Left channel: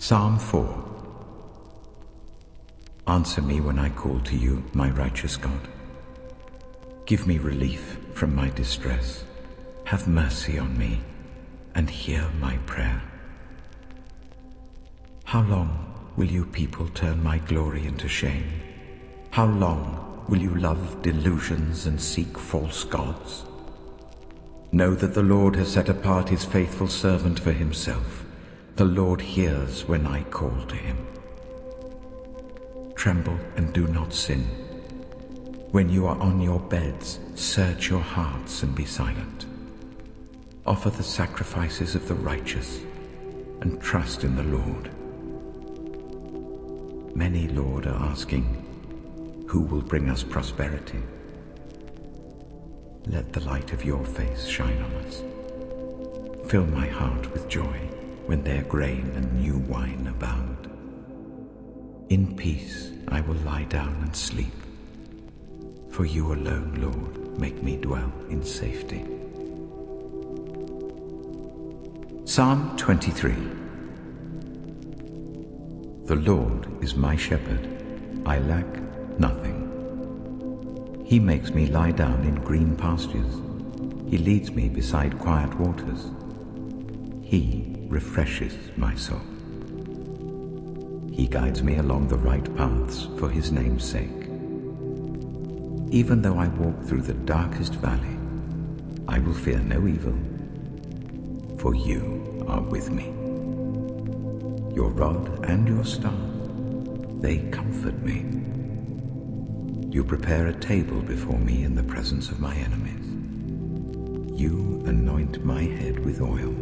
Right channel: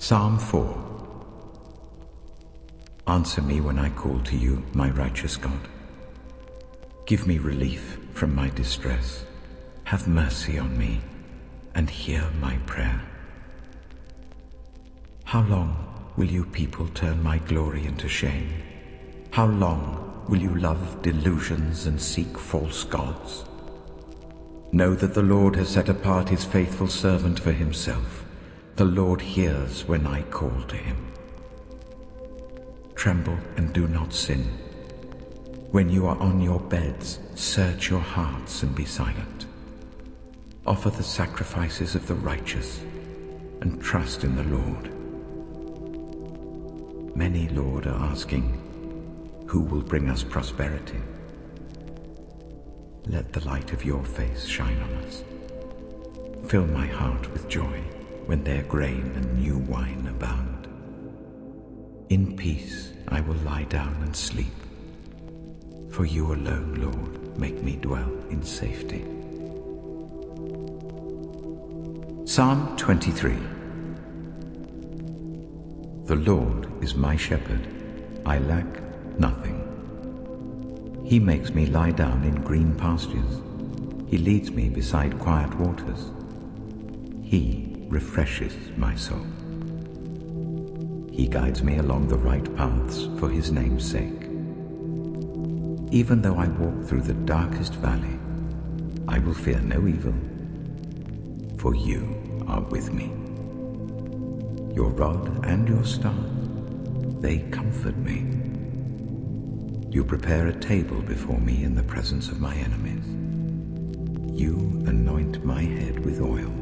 Psalm 4. Answer me when I call to you, my righteous God. Give me relief from my distress. Have mercy on me, and hear my prayer. How long will you people turn my glory into shame? How long will you love delusions and seek false gods? Know that the Lord has set apart his faithful servant for himself. The Lord hears when I call to him. Tremble and do not sin. When you are on your beds, search your hearts and be silent. Offer the sacrifices of the righteous and trust in the Lord. Many, Lord, are asking, who will bring us prosperity? Let the light of your face shine on us. Fill my heart with joy when their grain and new wine abound. In peace I will lie down and sleep. For you alone, Lord, make me dwell in safety. Psalm 23. The Lord is my shepherd, I lack nothing. He makes me lie down in green pastures. He leads me beside quiet waters. He refreshes my soul. He guides me along the right paths for his name's sake. Even though I walk through the darkest valley, I will fear no evil, for you are with me. Your rod and your staff, they comfort me. You prepare a table before me in the presence of my enemies. You anoint my head with oil.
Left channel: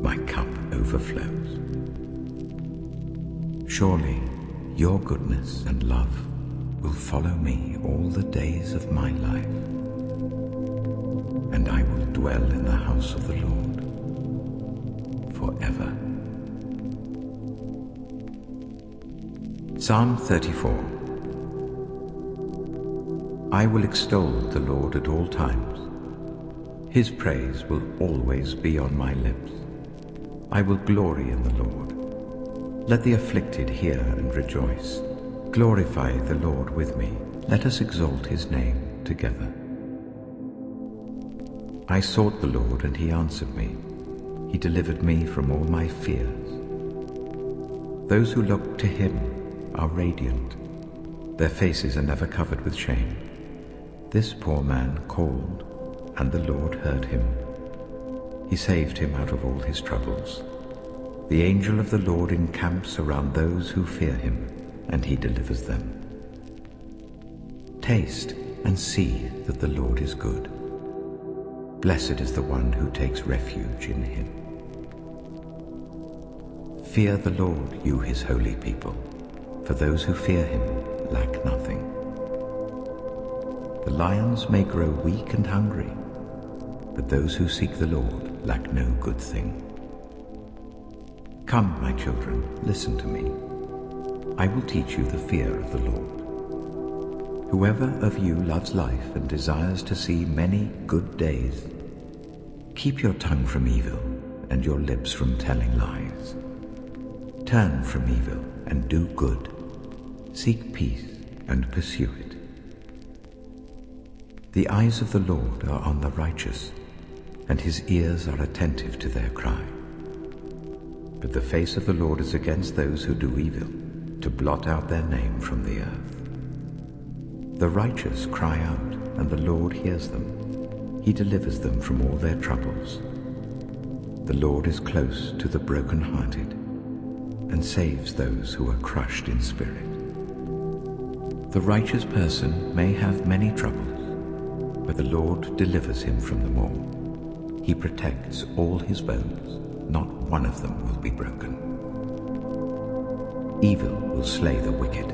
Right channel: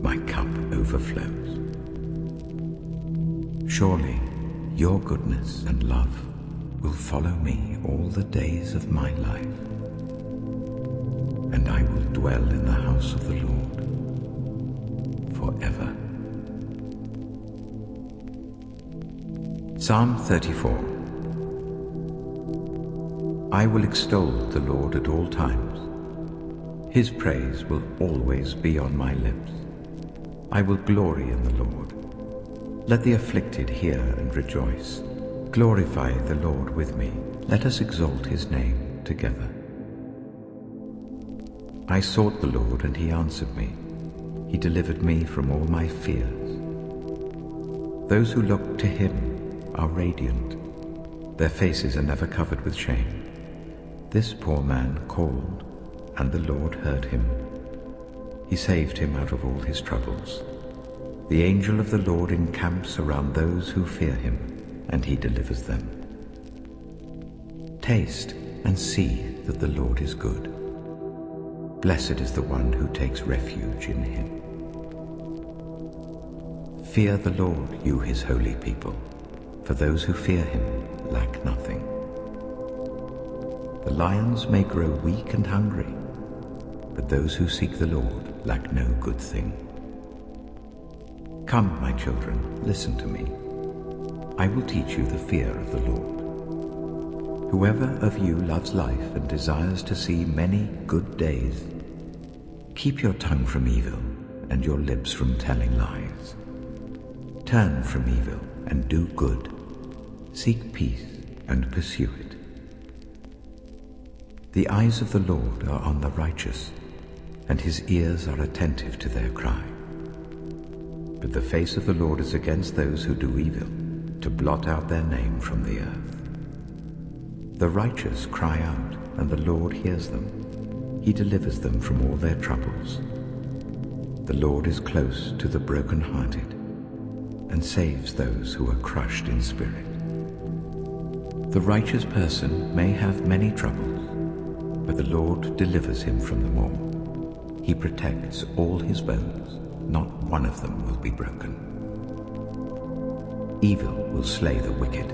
My cup overflows. Surely your goodness and love will follow me all the days of my life, and I will dwell in the house of the Lord forever. Psalm 34. I will extol the Lord at all times. His praise will always be on my lips. I will glory in the Lord. Let the afflicted hear and rejoice. Glorify the Lord with me. Let us exalt his name together. I sought the Lord, and he answered me. He delivered me from all my fears. Those who look to him are radiant. Their faces are never covered with shame. This poor man called, and the Lord heard him. He saved him out of all his troubles. The angel of the Lord encamps around those who fear him, and he delivers them. Taste and see that the Lord is good. Blessed is the one who takes refuge in him. Fear the Lord, you his holy people, for those who fear him lack nothing. The lions may grow weak and hungry, but those who seek the Lord lack no good thing. Come, my children, listen to me. I will teach you the fear of the Lord. Whoever of you loves life and desires to see many good days, keep your tongue from evil and your lips from telling lies. Turn from evil and do good. Seek peace and pursue it. The eyes of the Lord are on the righteous, and his ears are attentive to their cry. But the face of the Lord is against those who do evil, to blot out their name from the earth. The righteous cry out, and the Lord hears them. He delivers them from all their troubles. The Lord is close to the broken-hearted, and saves those who are crushed in spirit. The righteous person may have many troubles, but the Lord delivers him from them all. He protects all his bones. Not one of them will be broken. Evil will slay the wicked.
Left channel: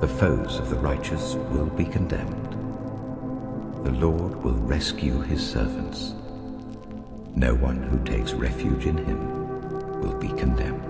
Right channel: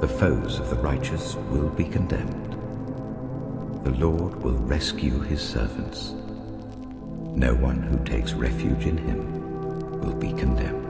The foes of the righteous will be condemned. The Lord will rescue his servants. No one who takes refuge in him will be condemned.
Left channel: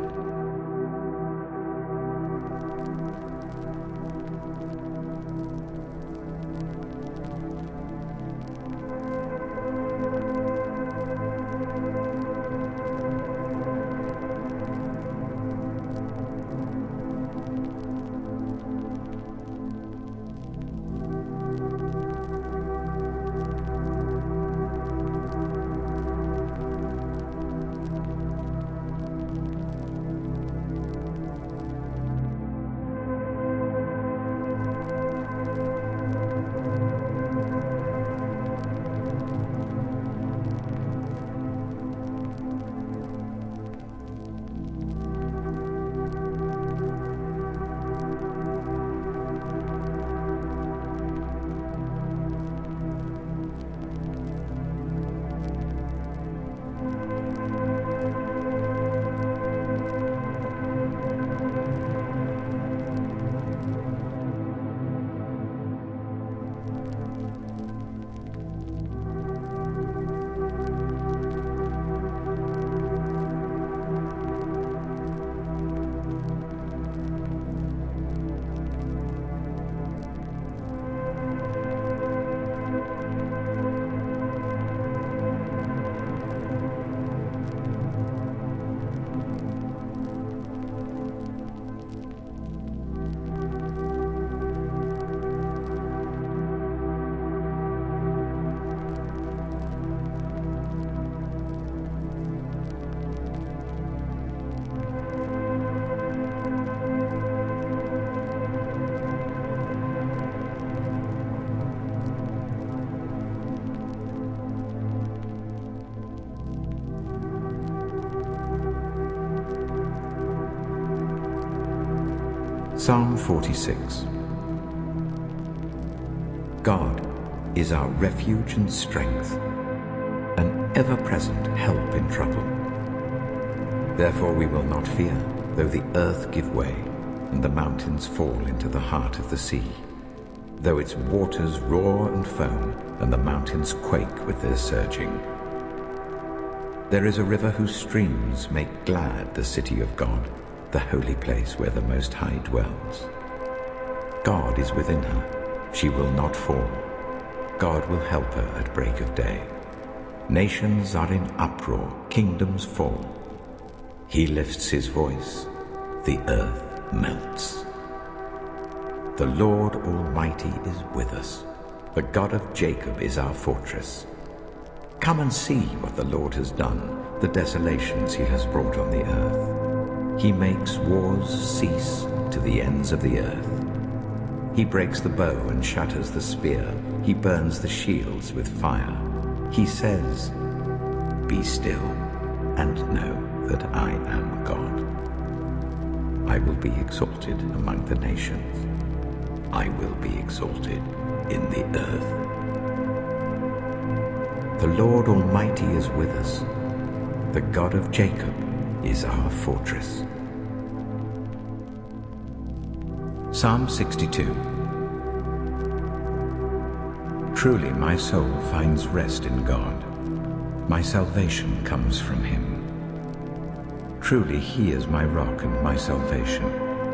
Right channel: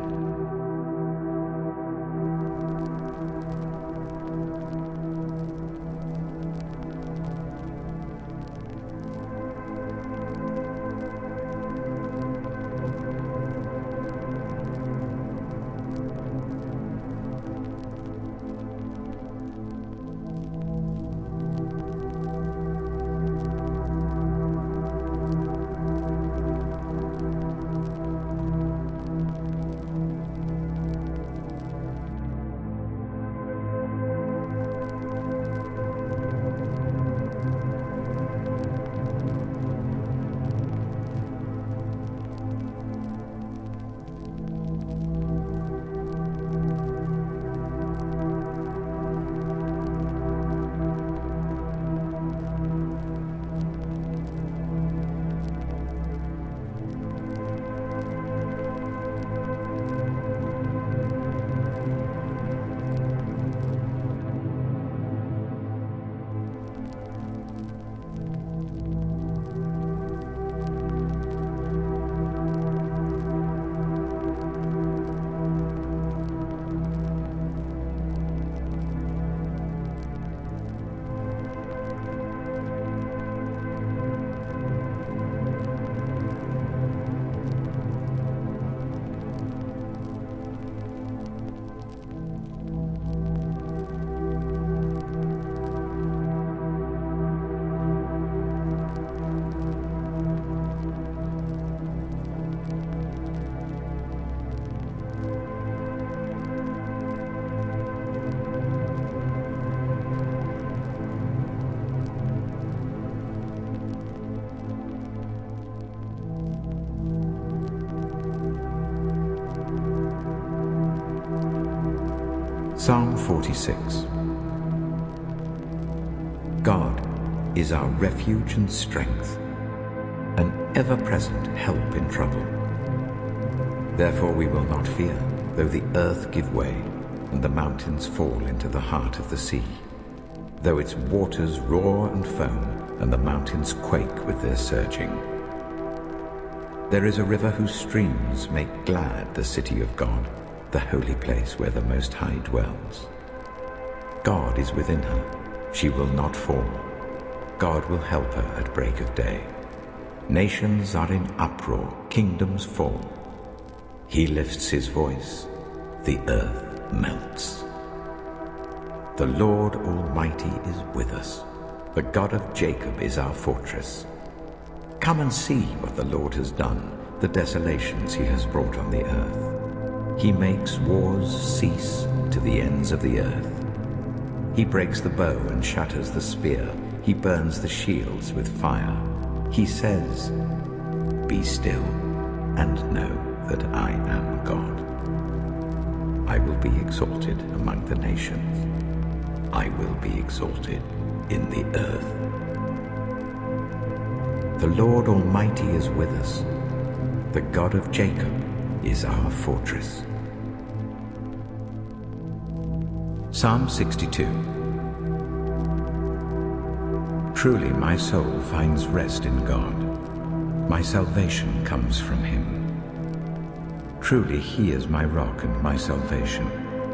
Psalm 46. God is our refuge and strength, an ever-present help in trouble. Therefore we will not fear, though the earth give way, and the mountains fall into the heart of the sea, though its waters roar and foam, and the mountains quake with their surging. There is a river whose streams make glad the city of God, the holy place where the Most High dwells. God is within her, she will not fall. God will help her at break of day. Nations are in uproar, kingdoms fall. He lifts his voice, the earth melts. The Lord Almighty is with us. The God of Jacob is our fortress. Come and see what the Lord has done, the desolations he has brought on the earth. He makes wars cease to the ends of the earth. He breaks the bow and shatters the spear. He burns the shields with fire. He says, "Be still and know that I am God. I will be exalted among the nations. I will be exalted in the earth." The Lord Almighty is with us. The God of Jacob is our fortress. Psalm 62. Truly my soul finds rest in God. My salvation comes from him. Truly he is my rock and my salvation.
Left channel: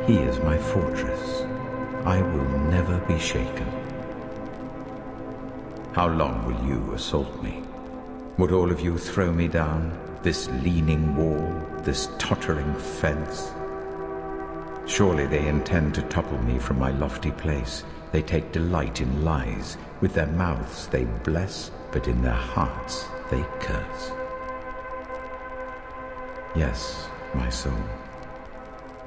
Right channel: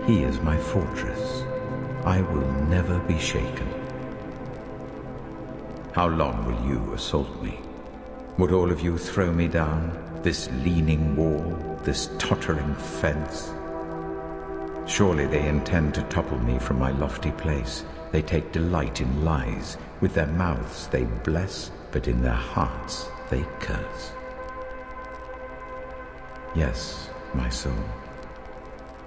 He is my fortress. I will never be shaken. How long will you assault me? Would all of you throw me down, this leaning wall, this tottering fence? Surely they intend to topple me from my lofty place. They take delight in lies. With their mouths they bless, but in their hearts they curse. Yes, my soul,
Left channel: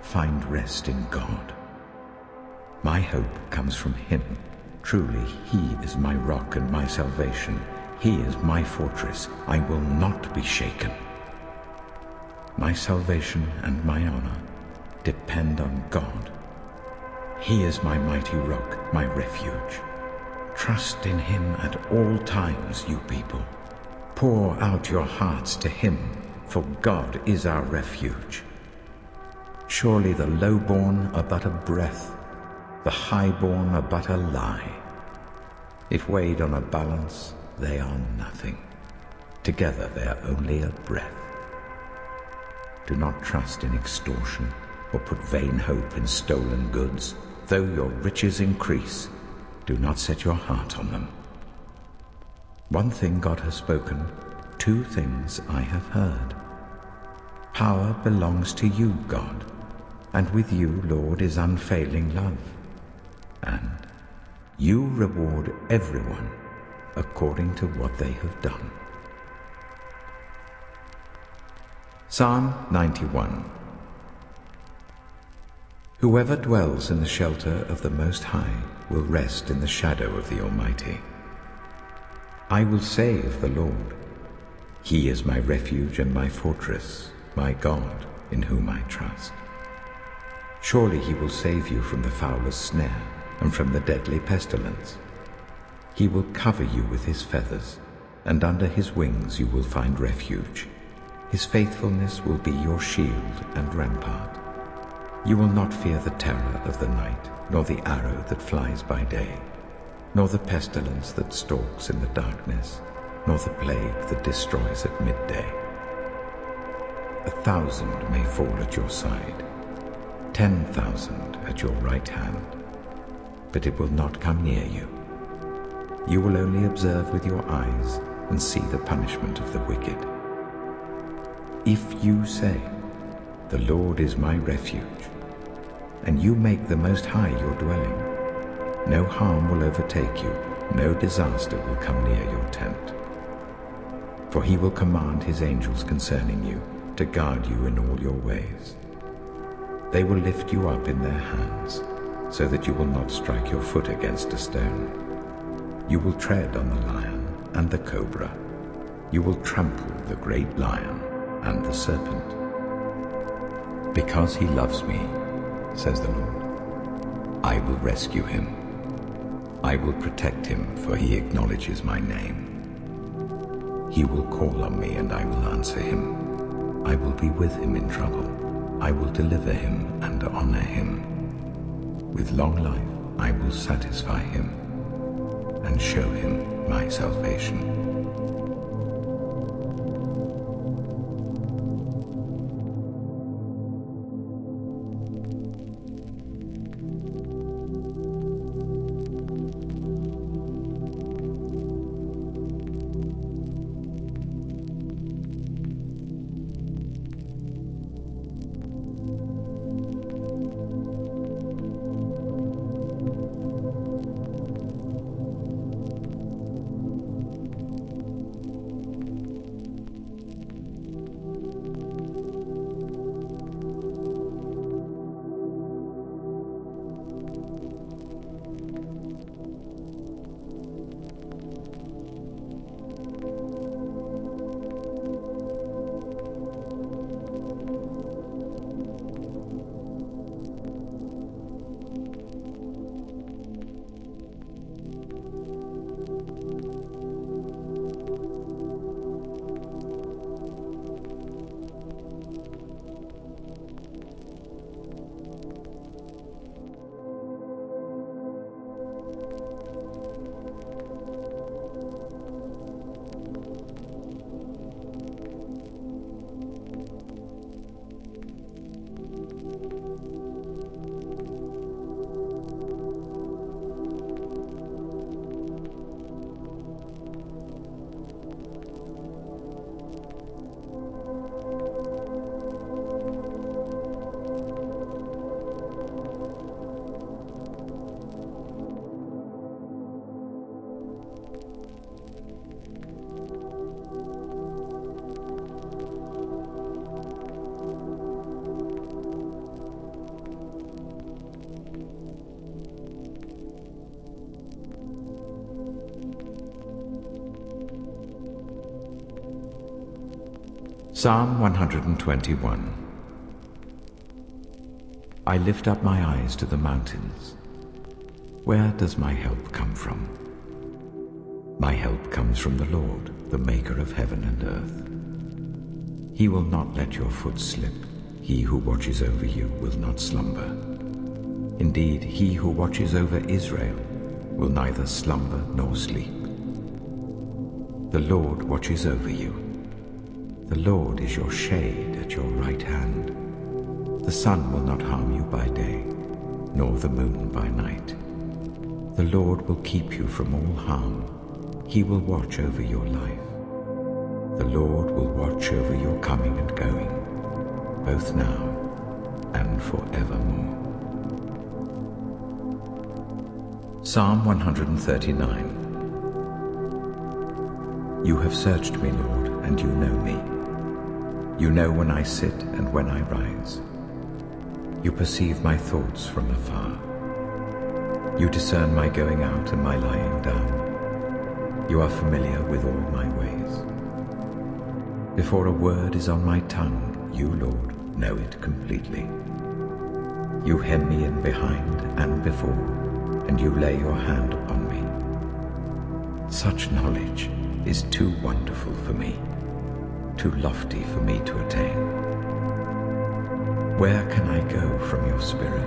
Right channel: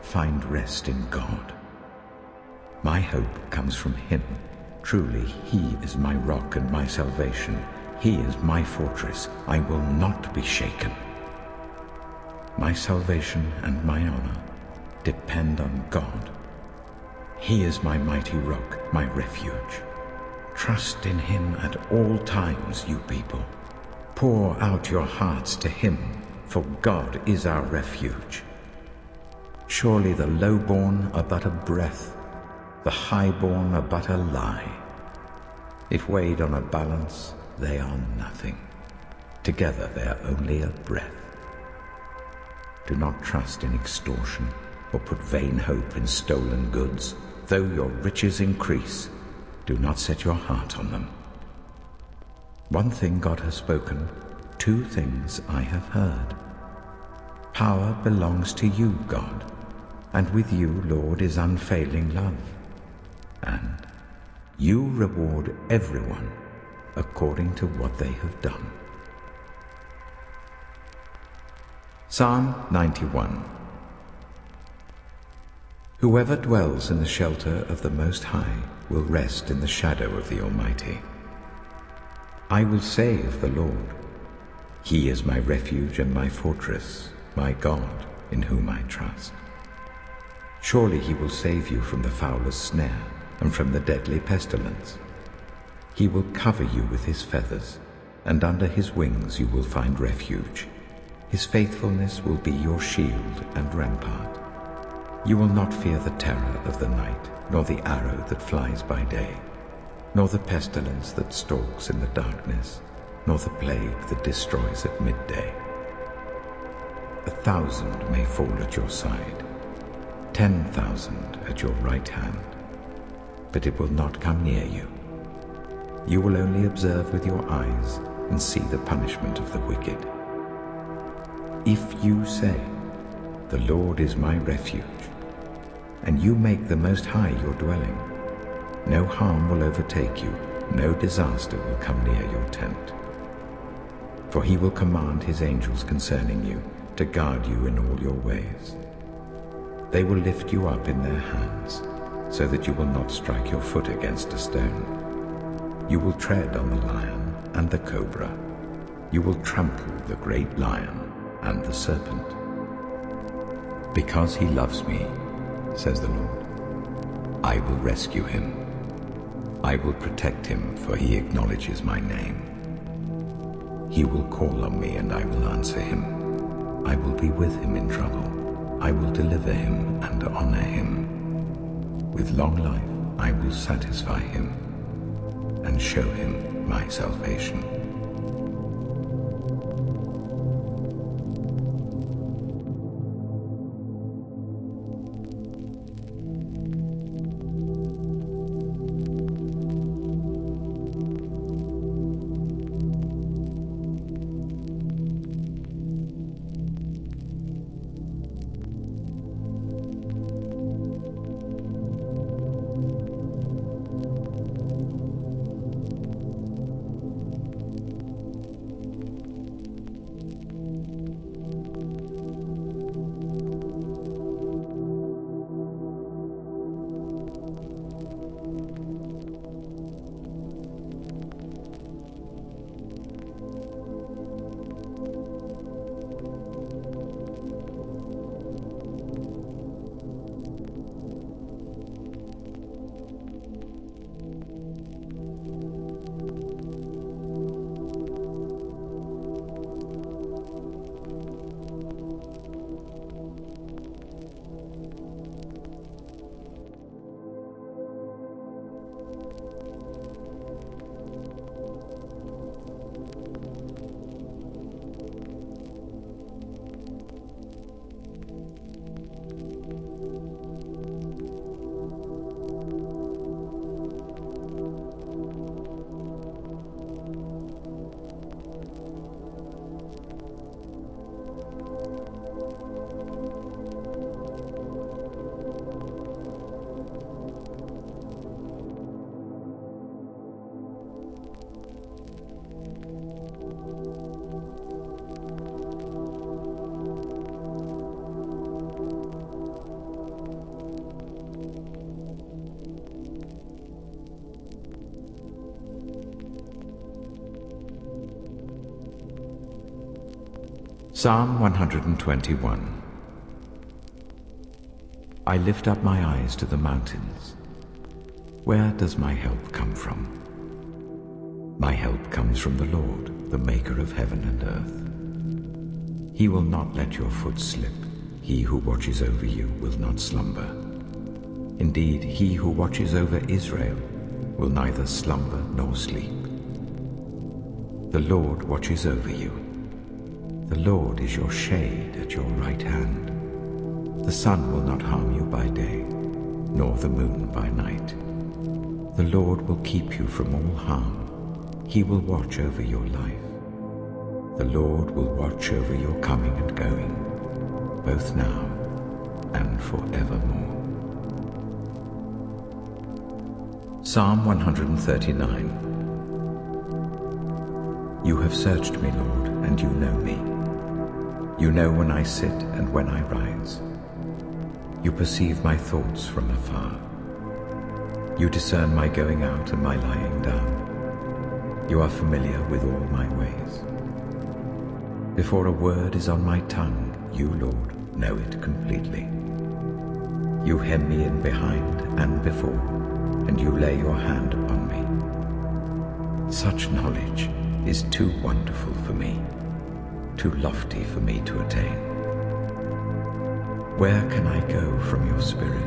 find rest in God. My hope comes from him. Truly, he is my rock and my salvation. He is my fortress. I will not be shaken. My salvation and my honor depend on God. He is my mighty rock, my refuge. Trust in him at all times, you people. Pour out your hearts to him, for God is our refuge. Surely the low-born are but a breath, the high-born are but a lie. If weighed on a balance, they are nothing. Together they are only a breath. Do not trust in extortion, or put vain hope in stolen goods. Though your riches increase, do not set your heart on them. One thing God has spoken, two things I have heard. Power belongs to you, God, and with you, Lord, is unfailing love. And you reward everyone according to what they have done. Psalm 91. Whoever dwells in the shelter of the Most High will rest in the shadow of the Almighty. I will say of the Lord, he is my refuge and my fortress, my God, in whom I trust. Surely he will save you from the fowler's snare and from the deadly pestilence. He will cover you with his feathers, and under his wings you will find refuge. His faithfulness will be your shield and rampart. You will not fear the terror of the night, nor the arrow that flies by day, nor the pestilence that stalks in the darkness, nor the plague that destroys at midday. 1,000 may fall at your side, 10,000 at your right hand, but it will not come near you. You will only observe with your eyes and see the punishment of the wicked. If you say, "The Lord is my refuge," and you make the Most High your dwelling, no harm will overtake you, no disaster will come near your tent. For he will command his angels concerning you, to guard you in all your ways. They will lift you up in their hands, so that you will not strike your foot against a stone. You will tread on the lion and the cobra. You will trample the great lion and the serpent. Because he loves me, says the Lord, I will rescue him. I will protect him, for he acknowledges my name. He will call on me, and I will answer him. I will be with him in trouble. I will deliver him and honor him. With long life I will satisfy him and show him my salvation. Psalm 121. I lift up my eyes to the mountains. Where does my help come from? My help comes from the Lord, the maker of heaven and earth. He will not let your foot slip. He who watches over you will not slumber. Indeed, he who watches over Israel will neither slumber nor sleep. The Lord watches over you. The Lord is your shade at your right hand. The sun will not harm you by day, nor the moon by night. The Lord will keep you from all harm. He will watch over your life. The Lord will watch over your coming and going, both now and forevermore. Psalm 139. You have searched me, Lord, and you know me. You know when I sit and when I rise. You perceive my thoughts from afar. You discern my going out and my lying down. You are familiar with all my ways. Before a word is on my tongue, you, Lord, know it completely. You hem me in behind and before, and you lay your hand upon me. Such knowledge is too wonderful for me, too lofty for me to attain. Where can I go from your spirit?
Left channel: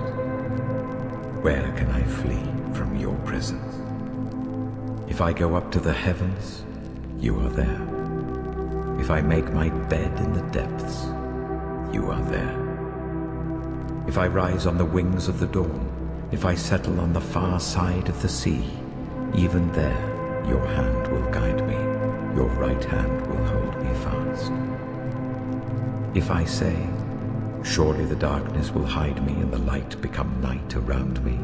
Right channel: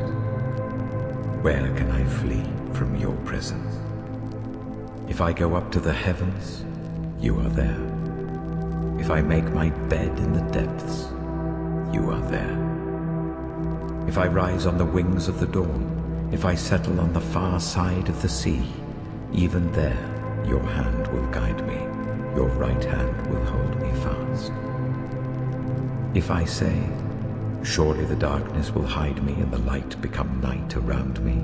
Where can I flee from your presence? If I go up to the heavens, you are there. If I make my bed in the depths, you are there. If I rise on the wings of the dawn, if I settle on the far side of the sea, even there your hand will guide me, your right hand will hold me fast. If I say, surely the darkness will hide me and the light become night around me,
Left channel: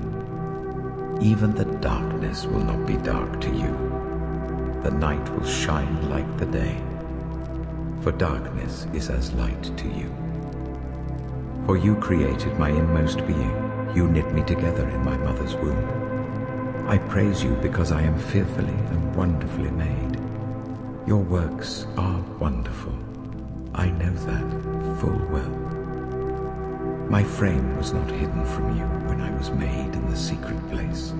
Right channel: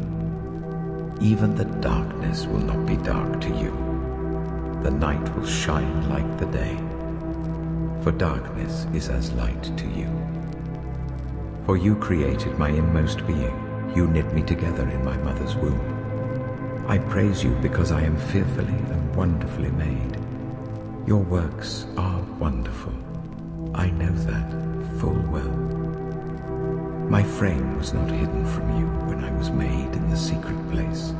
even the darkness will not be dark to you. The night will shine like the day, for darkness is as light to you. For you created my inmost being, you knit me together in my mother's womb. I praise you because I am fearfully and wonderfully made. Your works are wonderful. I know that full well. My frame was not hidden from you when I was made in the secret place,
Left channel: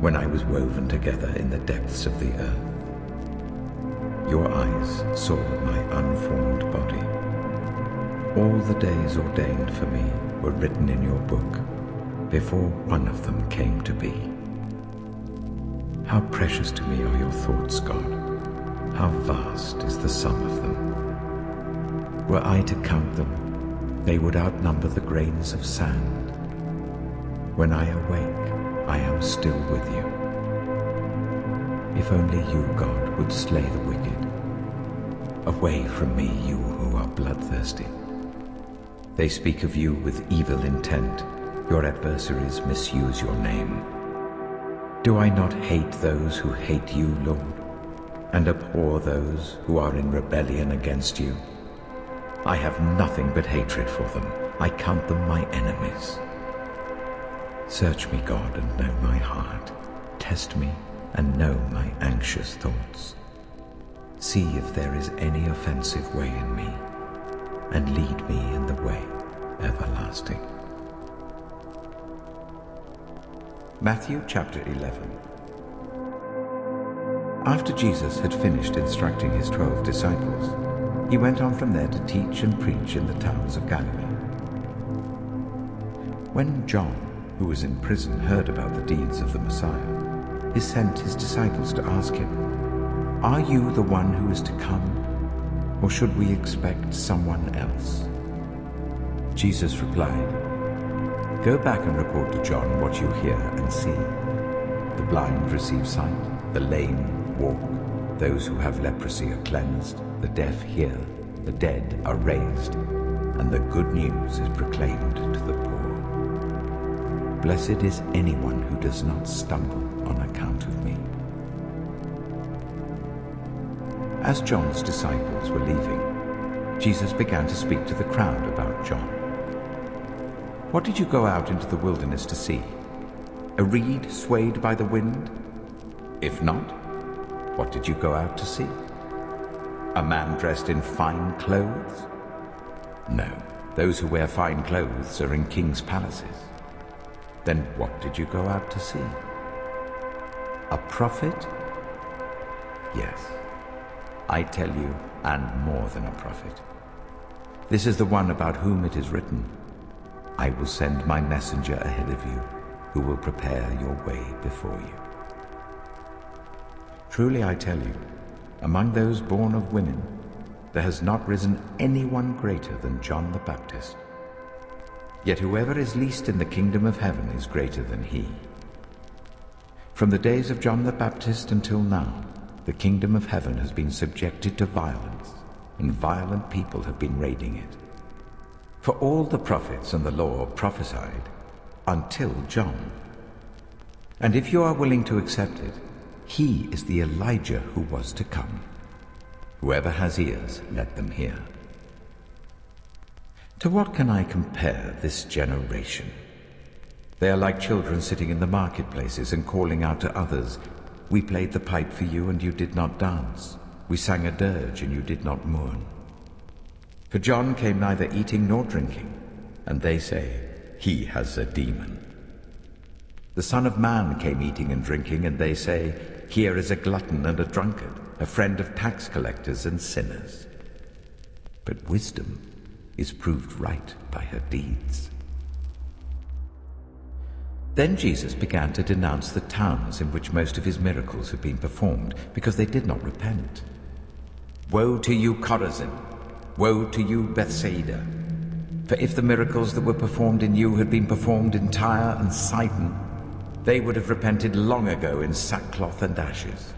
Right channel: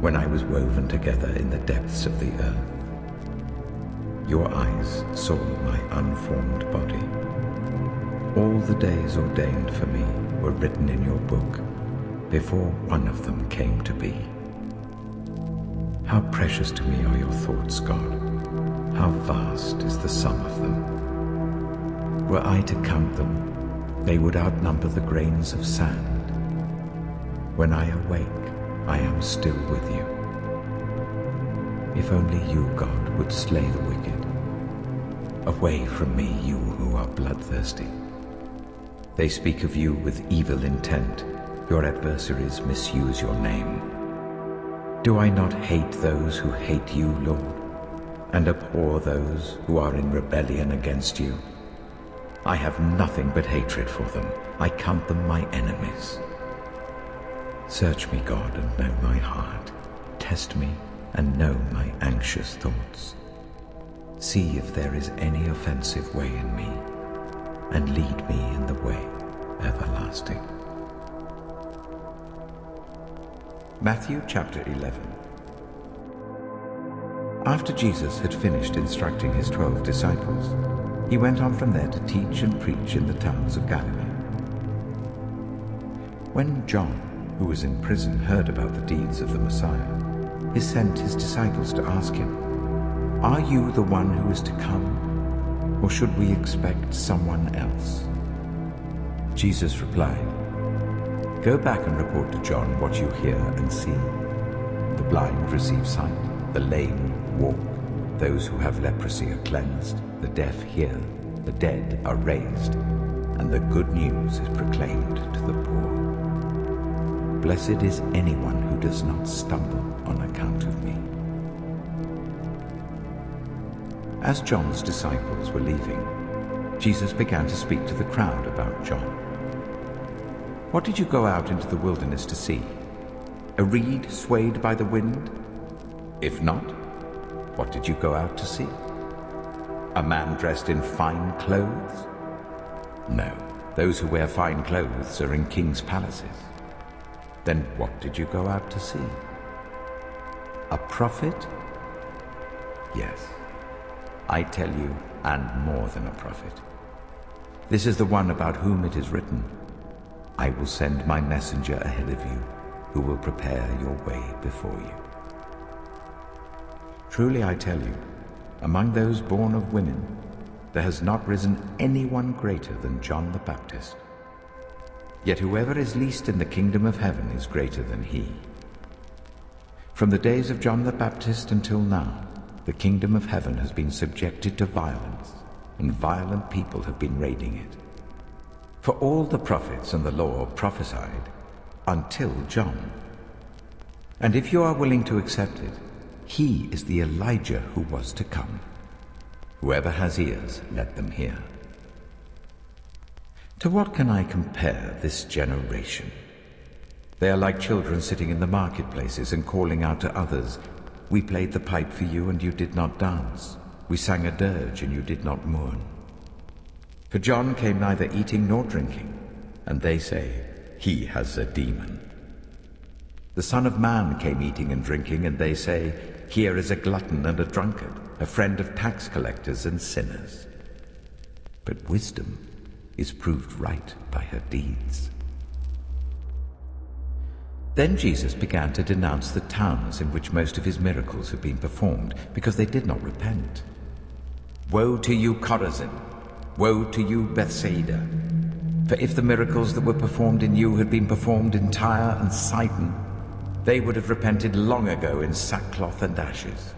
when I was woven together in the depths of the earth. Your eyes saw my unformed body. All the days ordained for me were written in your book, before one of them came to be. How precious to me are your thoughts, God. How vast is the sum of them. Were I to count them, they would outnumber the grains of sand. When I awake, I am still with you. If only you, God, would slay the wicked. Away from me, you who are bloodthirsty. They speak of you with evil intent. Your adversaries misuse your name. Do I not hate those who hate you, Lord, and abhor those who are in rebellion against you? I have nothing but hatred for them. I count them my enemies. Search me, God, and know my heart. Test me and know my anxious thoughts. See if there is any offensive way in me, and lead me in the way everlasting. Matthew chapter 11. After Jesus had finished instructing his 12 disciples, he went on from there to teach and preach in the towns of Galilee. When John, who was in prison, heard about the deeds of the Messiah, he sent his disciples to ask him, "Are you the one who is to come, or should we expect someone else?" Jesus replied, "Go back and report to John what you hear and see. The blind receive sight, the lame walk, those who have leprosy are cleansed, the deaf hear, the dead are raised, and the good news is proclaimed to the poor. Blessed is anyone who does not stumble on account of me." As John's disciples were leaving, Jesus began to speak to the crowd about John. "What did you go out into the wilderness to see? A reed swayed by the wind? If not, what did you go out to see? A man dressed in fine clothes? No, those who wear fine clothes are in kings' palaces. Then what did you go out to see? A prophet? Yes, I tell you, and more than a prophet. This is the one about whom it is written, 'I will send my messenger ahead of you, who will prepare your way before you.' Truly I tell you, among those born of women, there has not risen anyone greater than John the Baptist. Yet whoever is least in the kingdom of heaven is greater than he. From the days of John the Baptist until now, the kingdom of heaven has been subjected to violence, and violent people have been raiding it. For all the prophets and the law prophesied until John. And if you are willing to accept it, he is the Elijah who was to come. Whoever has ears, let them hear. To what can I compare this generation? They are like children sitting in the marketplaces and calling out to others, 'We played the pipe for you and you did not dance. We sang a dirge and you did not mourn.' For John came neither eating nor drinking, and they say, 'He has a demon.' The Son of Man came eating and drinking, and they say, 'Here is a glutton and a drunkard, a friend of tax collectors and sinners.' But wisdom is proved right by her deeds." Then Jesus began to denounce the towns in which most of his miracles had been performed, because they did not repent. "Woe to you, Chorazin! Woe to you, Bethsaida! For if the miracles that were performed in you had been performed in Tyre and Sidon, they would have repented long ago in sackcloth and ashes.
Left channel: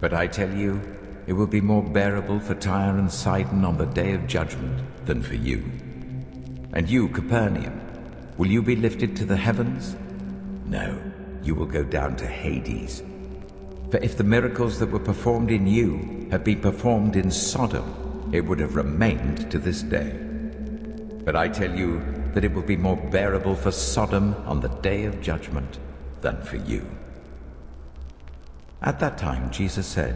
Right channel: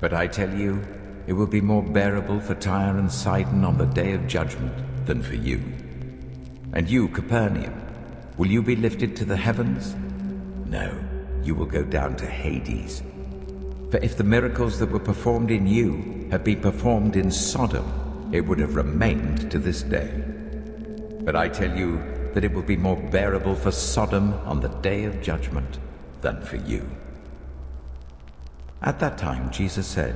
But I tell you, it will be more bearable for Tyre and Sidon on the day of judgment than for you. And you, Capernaum, will you be lifted to the heavens? No, you will go down to Hades. For if the miracles that were performed in you had been performed in Sodom, it would have remained to this day. But I tell you that it will be more bearable for Sodom on the day of judgment than for you." At that time Jesus said,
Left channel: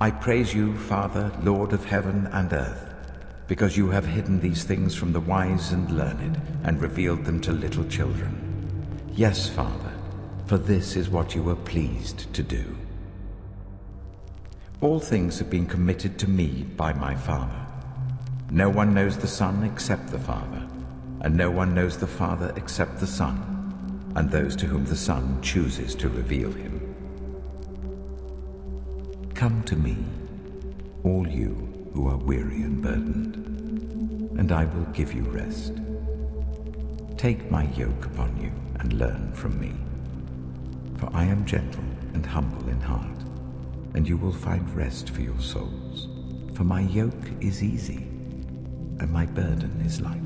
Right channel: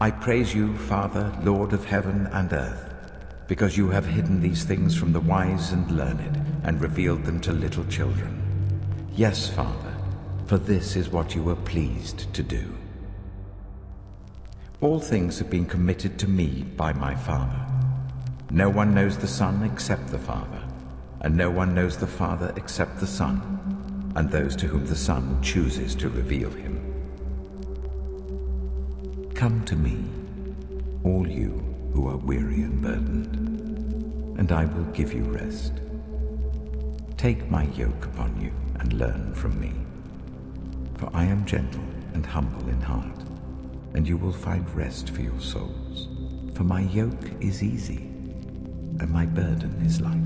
"I praise you, Father, Lord of heaven and earth, because you have hidden these things from the wise and learned, and revealed them to little children. Yes, Father, for this is what you were pleased to do. All things have been committed to me by my Father. No one knows the Son except the Father, and no one knows the Father except the Son, and those to whom the Son chooses to reveal him. Come to me, all you who are weary and burdened, and I will give you rest. Take my yoke upon you and learn from me, for I am gentle and humble in heart, and you will find rest for your souls. For my yoke is easy, and my burden is light.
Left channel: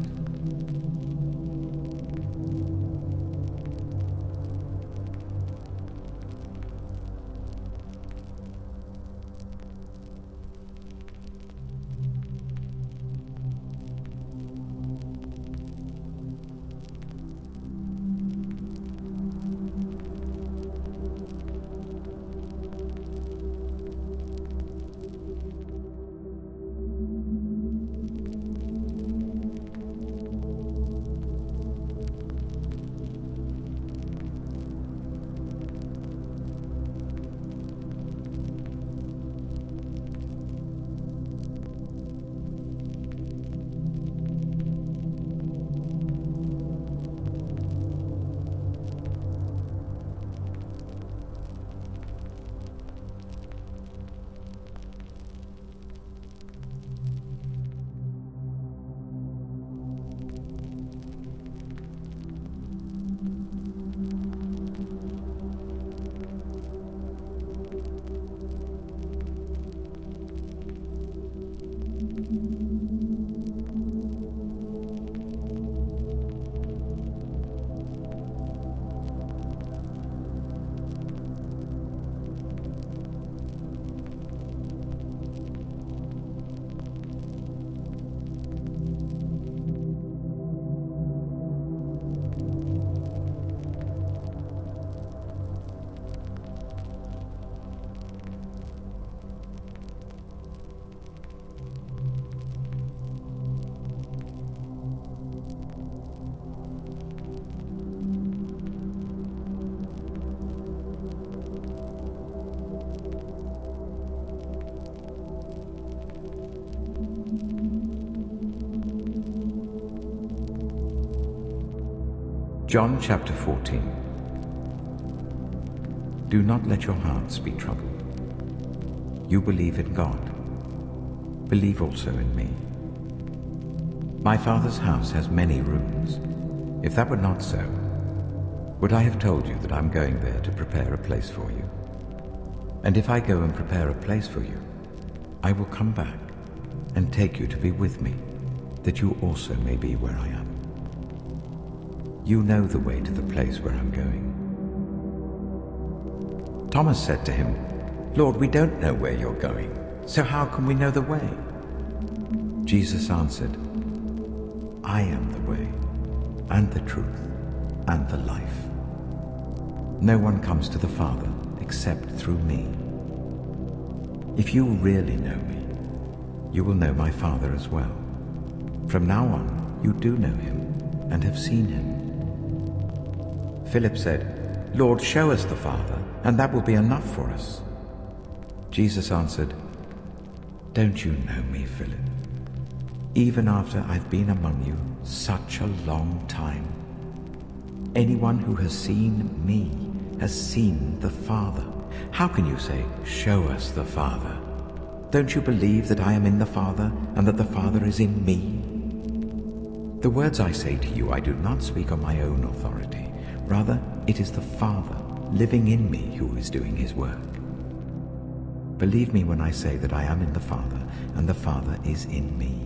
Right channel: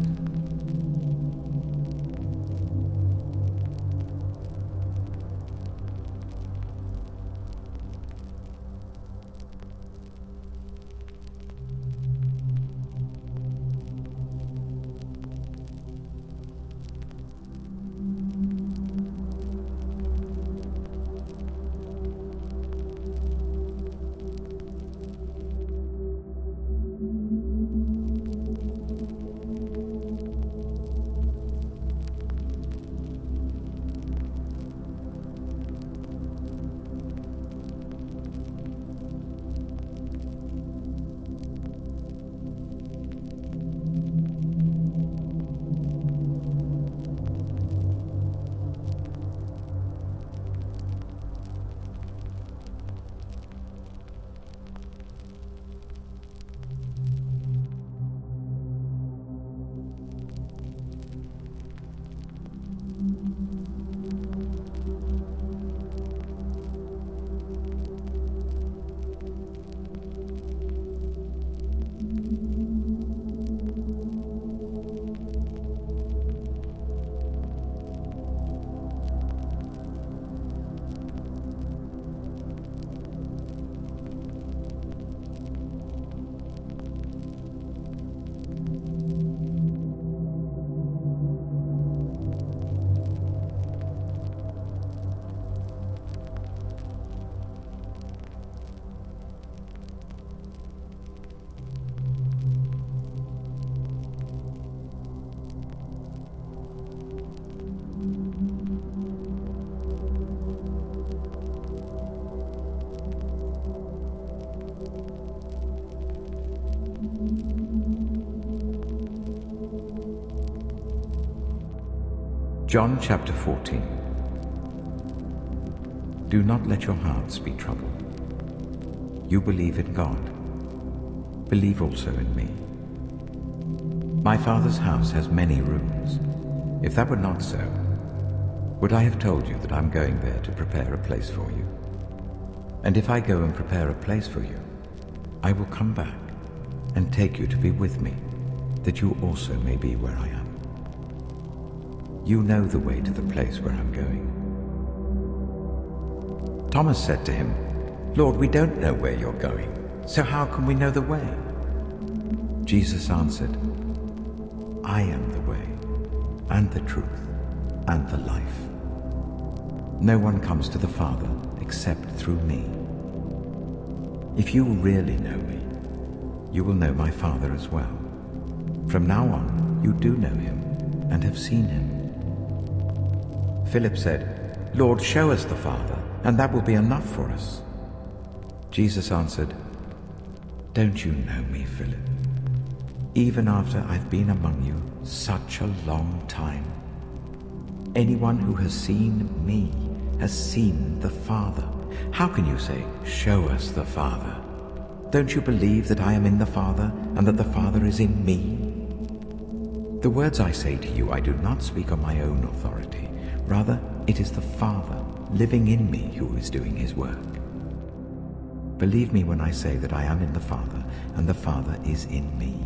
John chapter 14. Do not let your hearts be troubled. You believe in God. Believe also in me. My Father's house has many rooms. If that were not so, would I have told you that I'm going there to prepare a place for you? And if I go and prepare a place for you, I will come back and take you to be with me, that you also may be where I am. You know the way to the place where I'm going. Thomas said to him, Lord, we don't know where you're going, so how can we know the way? Jesus answered, I am the way, and the truth, and the life. No one comes to the Father except through me. If you really know me, you will know my Father as well. From now on, you do know him and have seen him. Philip said, Lord, show us the Father, and that will be enough for us. Jesus answered, Don't you know me, Philip? Even after I've been among you such a long time, anyone who has seen me has seen the Father. How can you say, show us the Father? Don't you believe that I am in the Father, and that the Father is in me? The words I say to you I do not speak on my own authority. Rather, it is the Father living in me who is doing his work. Believe me when I say that I am in the Father, and the Father is in me.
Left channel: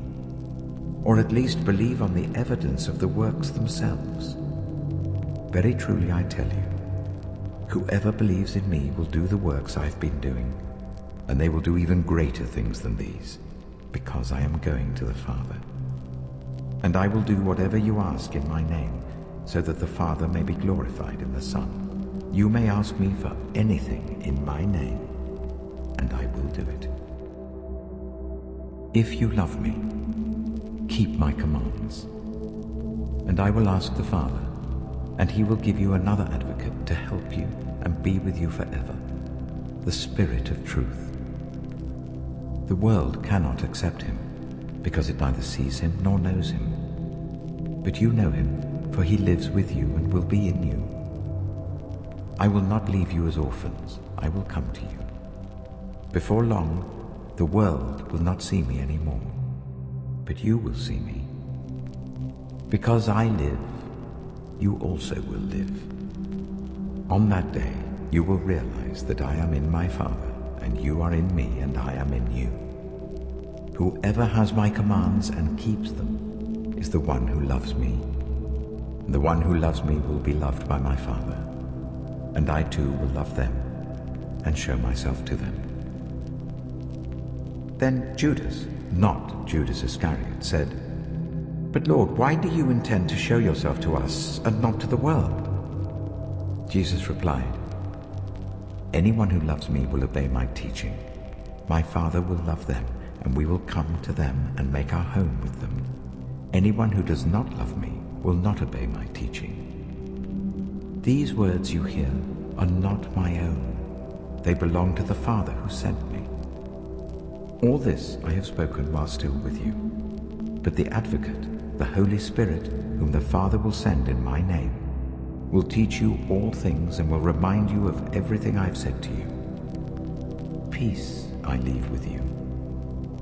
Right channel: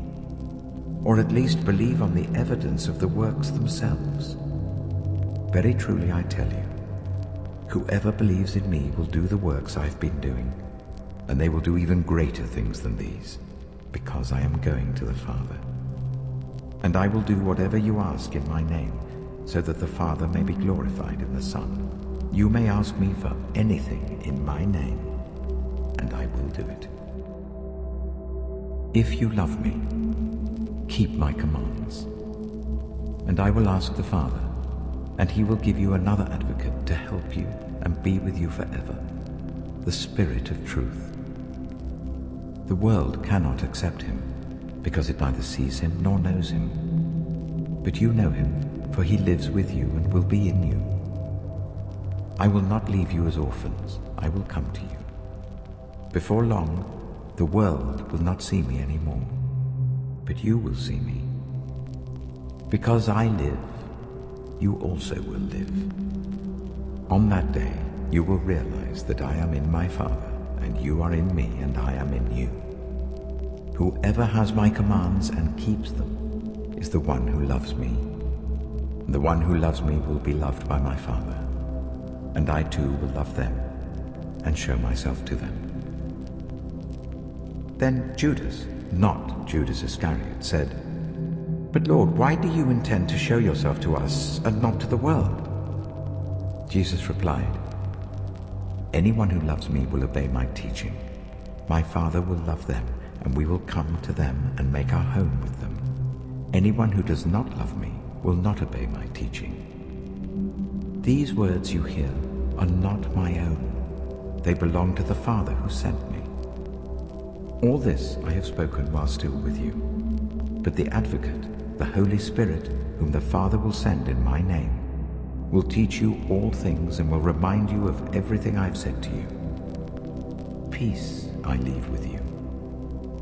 Or at least believe on the evidence of the works themselves. Very truly I tell you, whoever believes in me will do the works I've been doing, and they will do even greater things than these, because I am going to the Father. And I will do whatever you ask in my name, so that the Father may be glorified in the Son. You may ask me for anything in my name, and I will do it. If you love me, keep my commands. and I will ask the Father, and he will give you another advocate to help you and be with you forever, the Spirit of truth. The world cannot accept him, because it neither sees him nor knows him. But you know him, for he lives with you and will be in you. I will not leave you as orphans, I will come to you. Before long, the world will not see me anymore, but you will see me. Because I live, you also will live. On that day, you will realize that I am in my Father, and you are in me, and I am in you. Whoever has my commands and keeps them is the one who loves me. And the one who loves me will be loved by my Father, and I too will love them and show myself to them. Then Judas, not Judas Iscariot, said, "But Lord, why do you intend to show yourself to us and not to the world?" Jesus replied, "Anyone who loves me will obey my teaching. My Father will love them, and we will come to them and make our home with them. Anyone who does not love me will not obey my teaching. These words you hear are not my own. They belong to the Father who sent me. All this I have spoken while still with you. But the Advocate, the Holy Spirit, whom the Father will send in my name, will teach you all things and will remind you of everything I have said to you. Peace I leave with you.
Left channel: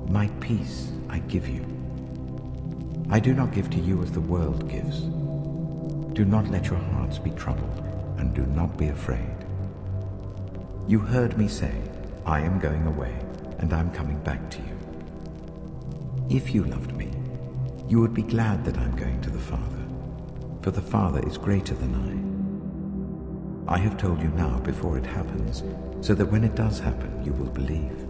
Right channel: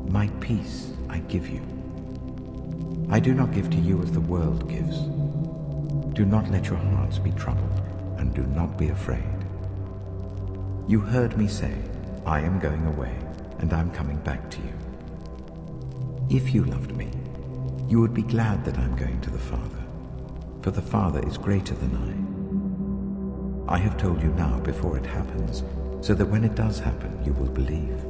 My peace I give you. I do not give to you as the world gives. Do not let your hearts be troubled, and do not be afraid. You heard me say, I am going away, and I am coming back to you. If you loved me, you would be glad that I am going to the Father, for the Father is greater than I. I have told you now before it happens, so that when it does happen, you will believe.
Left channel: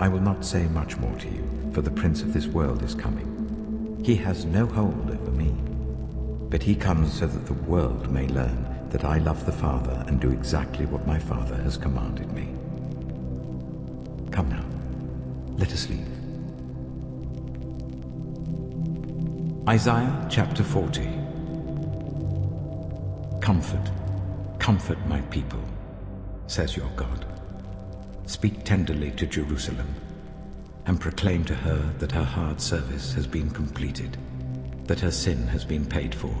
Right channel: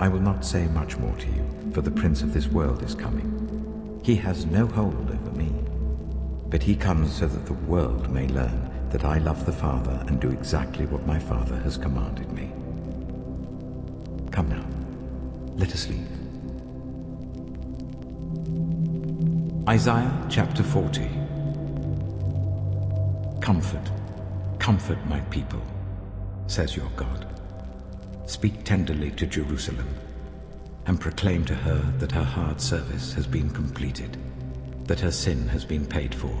I will not say much more to you, for the prince of this world is coming. He has no hold over me, but he comes so that the world may learn that I love the Father and do exactly what my Father has commanded me. Come now, let us leave. Isaiah chapter 40. Comfort, comfort my people, says your God. Speak tenderly to Jerusalem, and proclaim to her that her hard service has been completed, that her sin has been paid for,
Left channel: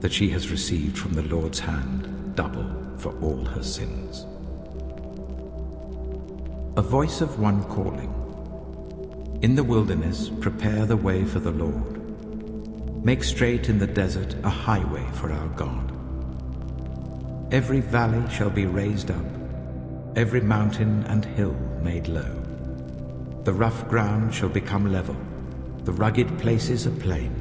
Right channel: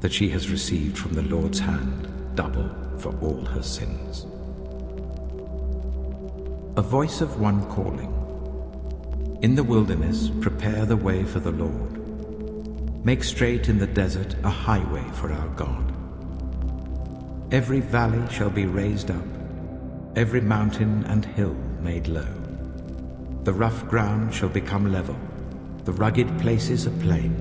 that she has received from the Lord's hand double for all her sins. A voice of one calling, in the wilderness prepare the way for the Lord. Make straight in the desert a highway for our God. Every valley shall be raised up, every mountain and hill made low. The rough ground shall become level, the rugged places a plain.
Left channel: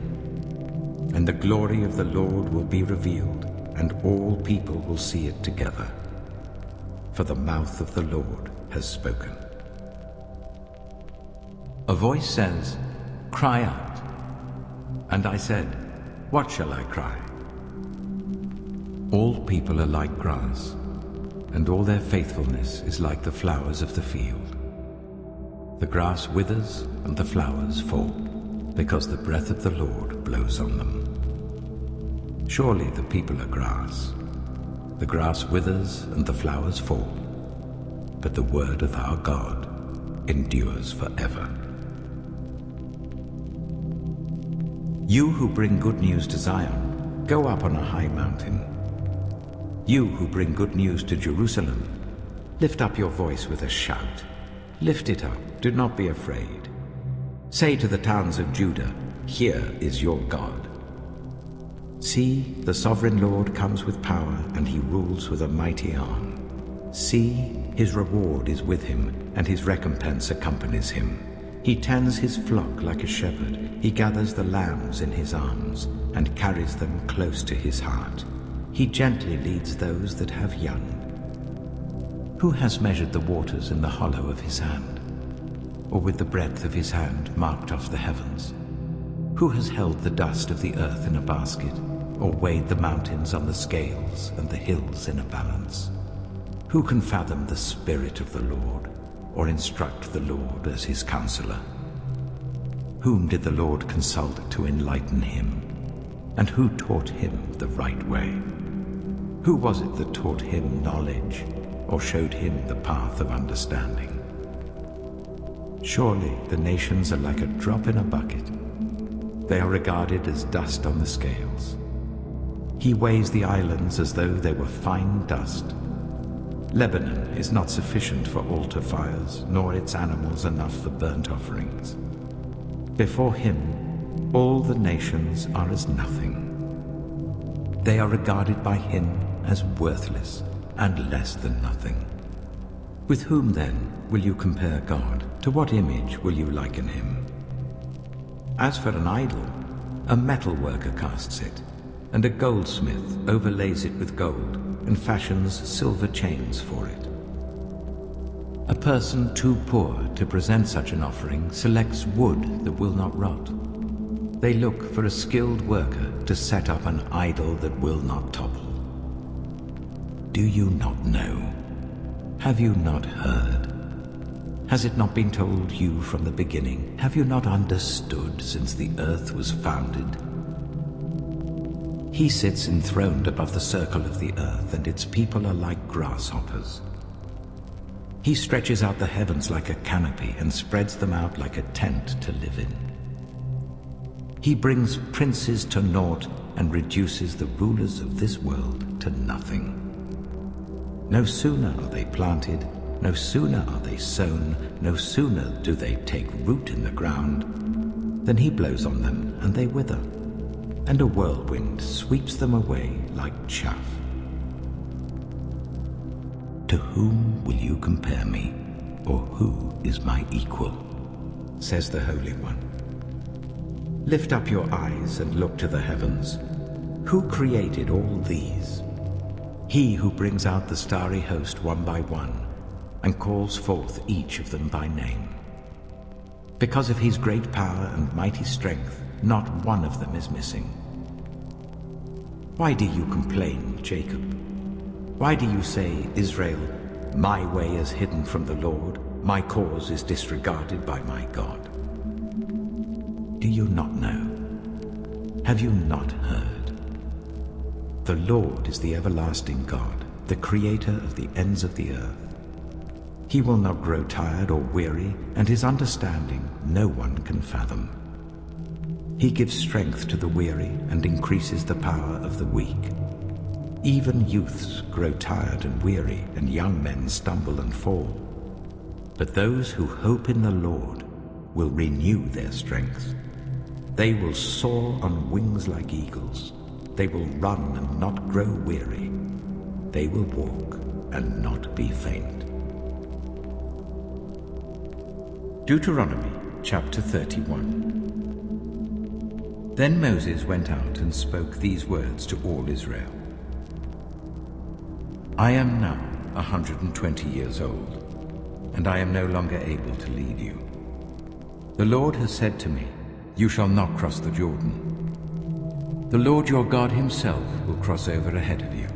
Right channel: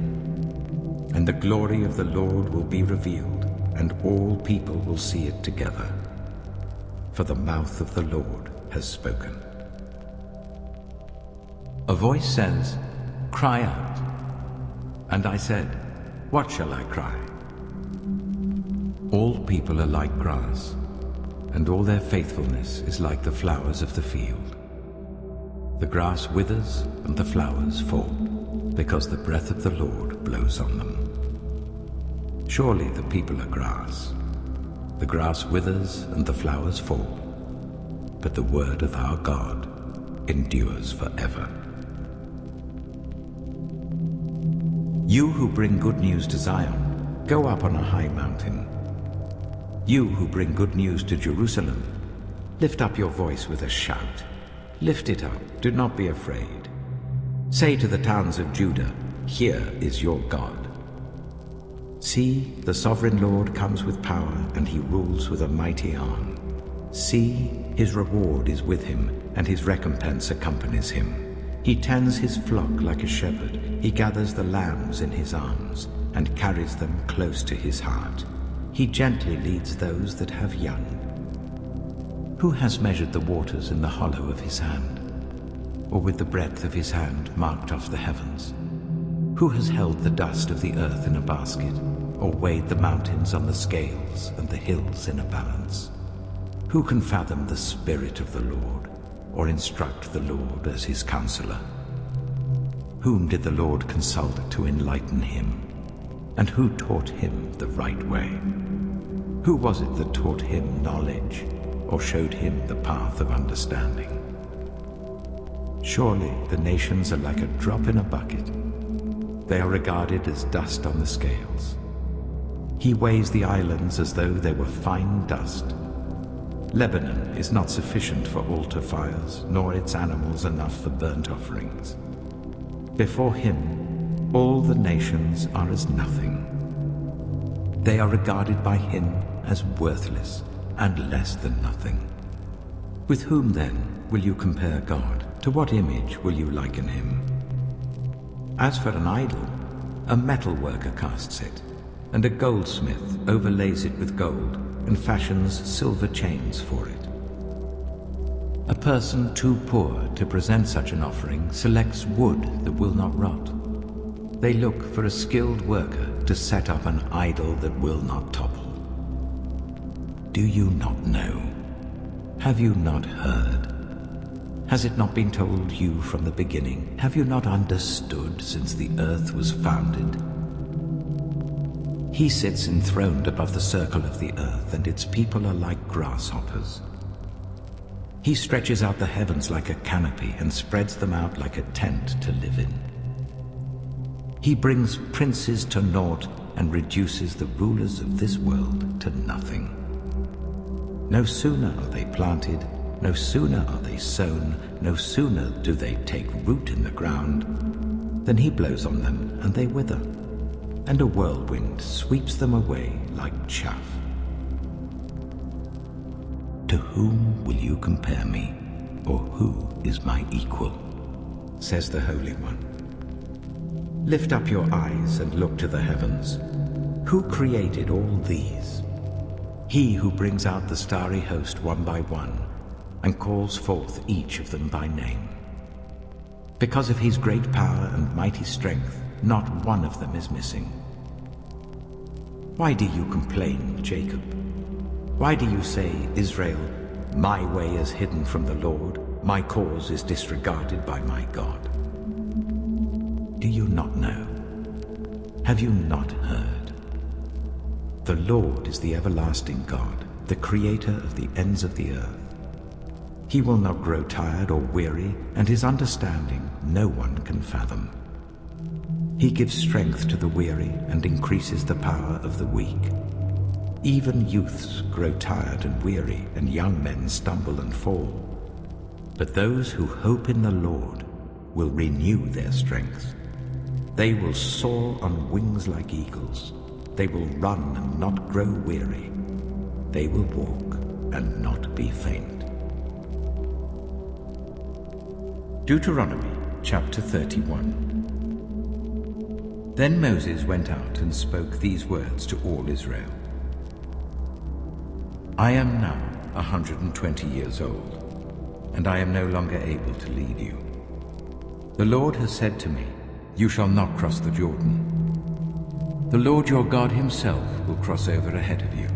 And the glory of the Lord will be revealed, and all people will see it together. For the mouth of the Lord has spoken. A voice says, "Cry out." And I said, "What shall I cry?" All people are like grass, and all their faithfulness is like the flowers of the field. The grass withers and the flowers fall, because the breath of the Lord blows on them. Surely the people are grass. The grass withers and the flowers fall, but the word of our God endures forever. You who bring good news to Zion, go up on a high mountain. You who bring good news to Jerusalem, lift up your voice with a shout. Lift it up, do not be afraid. Say to the towns of Judah, here is your God. See, the sovereign Lord comes with power, and he rules with a mighty arm. See, his reward is with him, and his recompense accompanies him. He tends his flock like a shepherd. He gathers the lambs in his arms, and carries them close to his heart. He gently leads those that have young. Who has measured the waters in the hollow of his hand, or with the breadth of his hand marked off the heavens? Who has held the dust of the earth in a basket, or weighed the mountains on the scales and the hills in a balance? Who can fathom the Spirit of the Lord, or instruct the Lord as his counselor? Whom did the Lord consult to enlighten him? And who taught him the right way? Who was it that taught him knowledge, or showed him the path of understanding? Surely the nations are like a drop in a bucket. They are regarded as dust on the scales. He weighs the islands as though they were fine dust. Lebanon is not sufficient for altar fires, nor its animals enough for burnt offerings. Before him, all the nations are as nothing. They are regarded by him as worthless and less than nothing. With whom, then, will you compare God? To what image will you liken him? As for an idol, a metal worker casts it, and a goldsmith overlays it with gold and fashions silver chains for it. A person too poor to present such an offering selects wood that will not rot. They look for a skilled worker to set up an idol that will not topple. Do you not know? Have you not heard? Has it not been told you from the beginning? Have you not understood since the earth was founded? He sits enthroned above the circle of the earth, and its people are like grasshoppers. He stretches out the heavens like a canopy and spreads them out like a tent to live in. He brings princes to naught and reduces the rulers of this world to nothing. No sooner are they planted, no sooner are they sown, no sooner do they take root in the ground, than he blows on them and they wither, and a whirlwind sweeps them away like chaff. To whom will you compare me, or who is my equal? Says the Holy One. Lift up your eyes and look to the heavens. Who created all these? He who brings out the starry host one by one, and calls forth each of them by name. Because of his great power and mighty strength, not one of them is missing. Why do you complain, Jacob? Why do you say, Israel, my way is hidden from the Lord, my cause is disregarded by my God? Do you not know? Have you not heard? The Lord is the everlasting God, the creator of the ends of the earth. He will not grow tired or weary, and his understanding no one can fathom. He gives strength to the weary and increases the power of the weak. Even youths grow tired and weary, and young men stumble and fall. But those who hope in the Lord will renew their strength. They will soar on wings like eagles. They will run and not grow weary. They will walk and not be faint. Deuteronomy chapter 31. Then Moses went out and spoke these words to all Israel. I am now 120 years old, and I am no longer able to lead you. The Lord has said to me, you shall not cross the Jordan. The Lord your God himself will cross over ahead of you.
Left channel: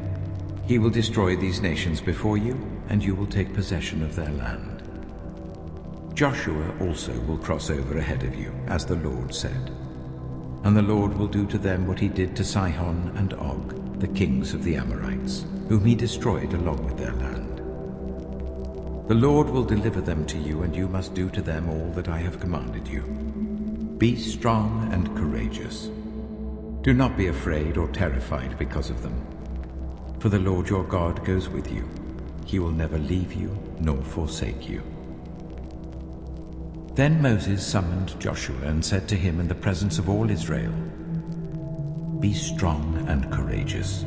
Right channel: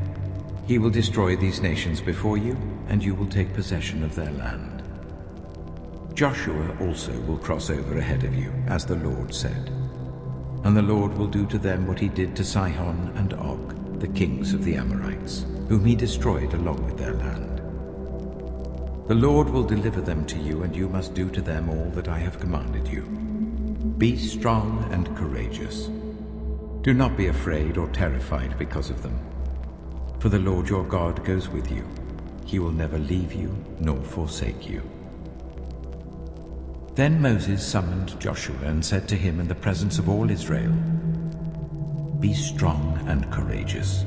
He will destroy these nations before you, and you will take possession of their land. Joshua also will cross over ahead of you, as the Lord said. And the Lord will do to them what he did to Sihon and Og, the kings of the Amorites, whom he destroyed along with their land. The Lord will deliver them to you, and you must do to them all that I have commanded you. Be strong and courageous. Do not be afraid or terrified because of them. For the Lord your God goes with you. He will never leave you nor forsake you. Then Moses summoned Joshua and said to him in the presence of all Israel, Be strong and courageous,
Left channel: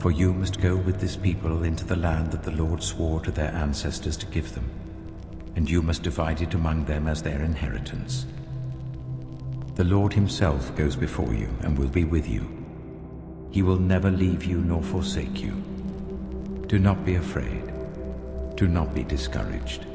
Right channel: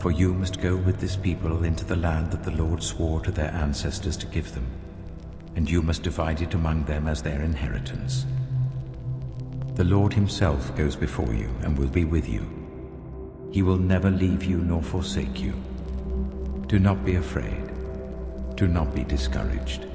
for you must go with this people into the land that the Lord swore to their ancestors to give them, and you must divide it among them as their inheritance. The Lord himself goes before you and will be with you. He will never leave you nor forsake you. Do not be afraid. Do not be discouraged.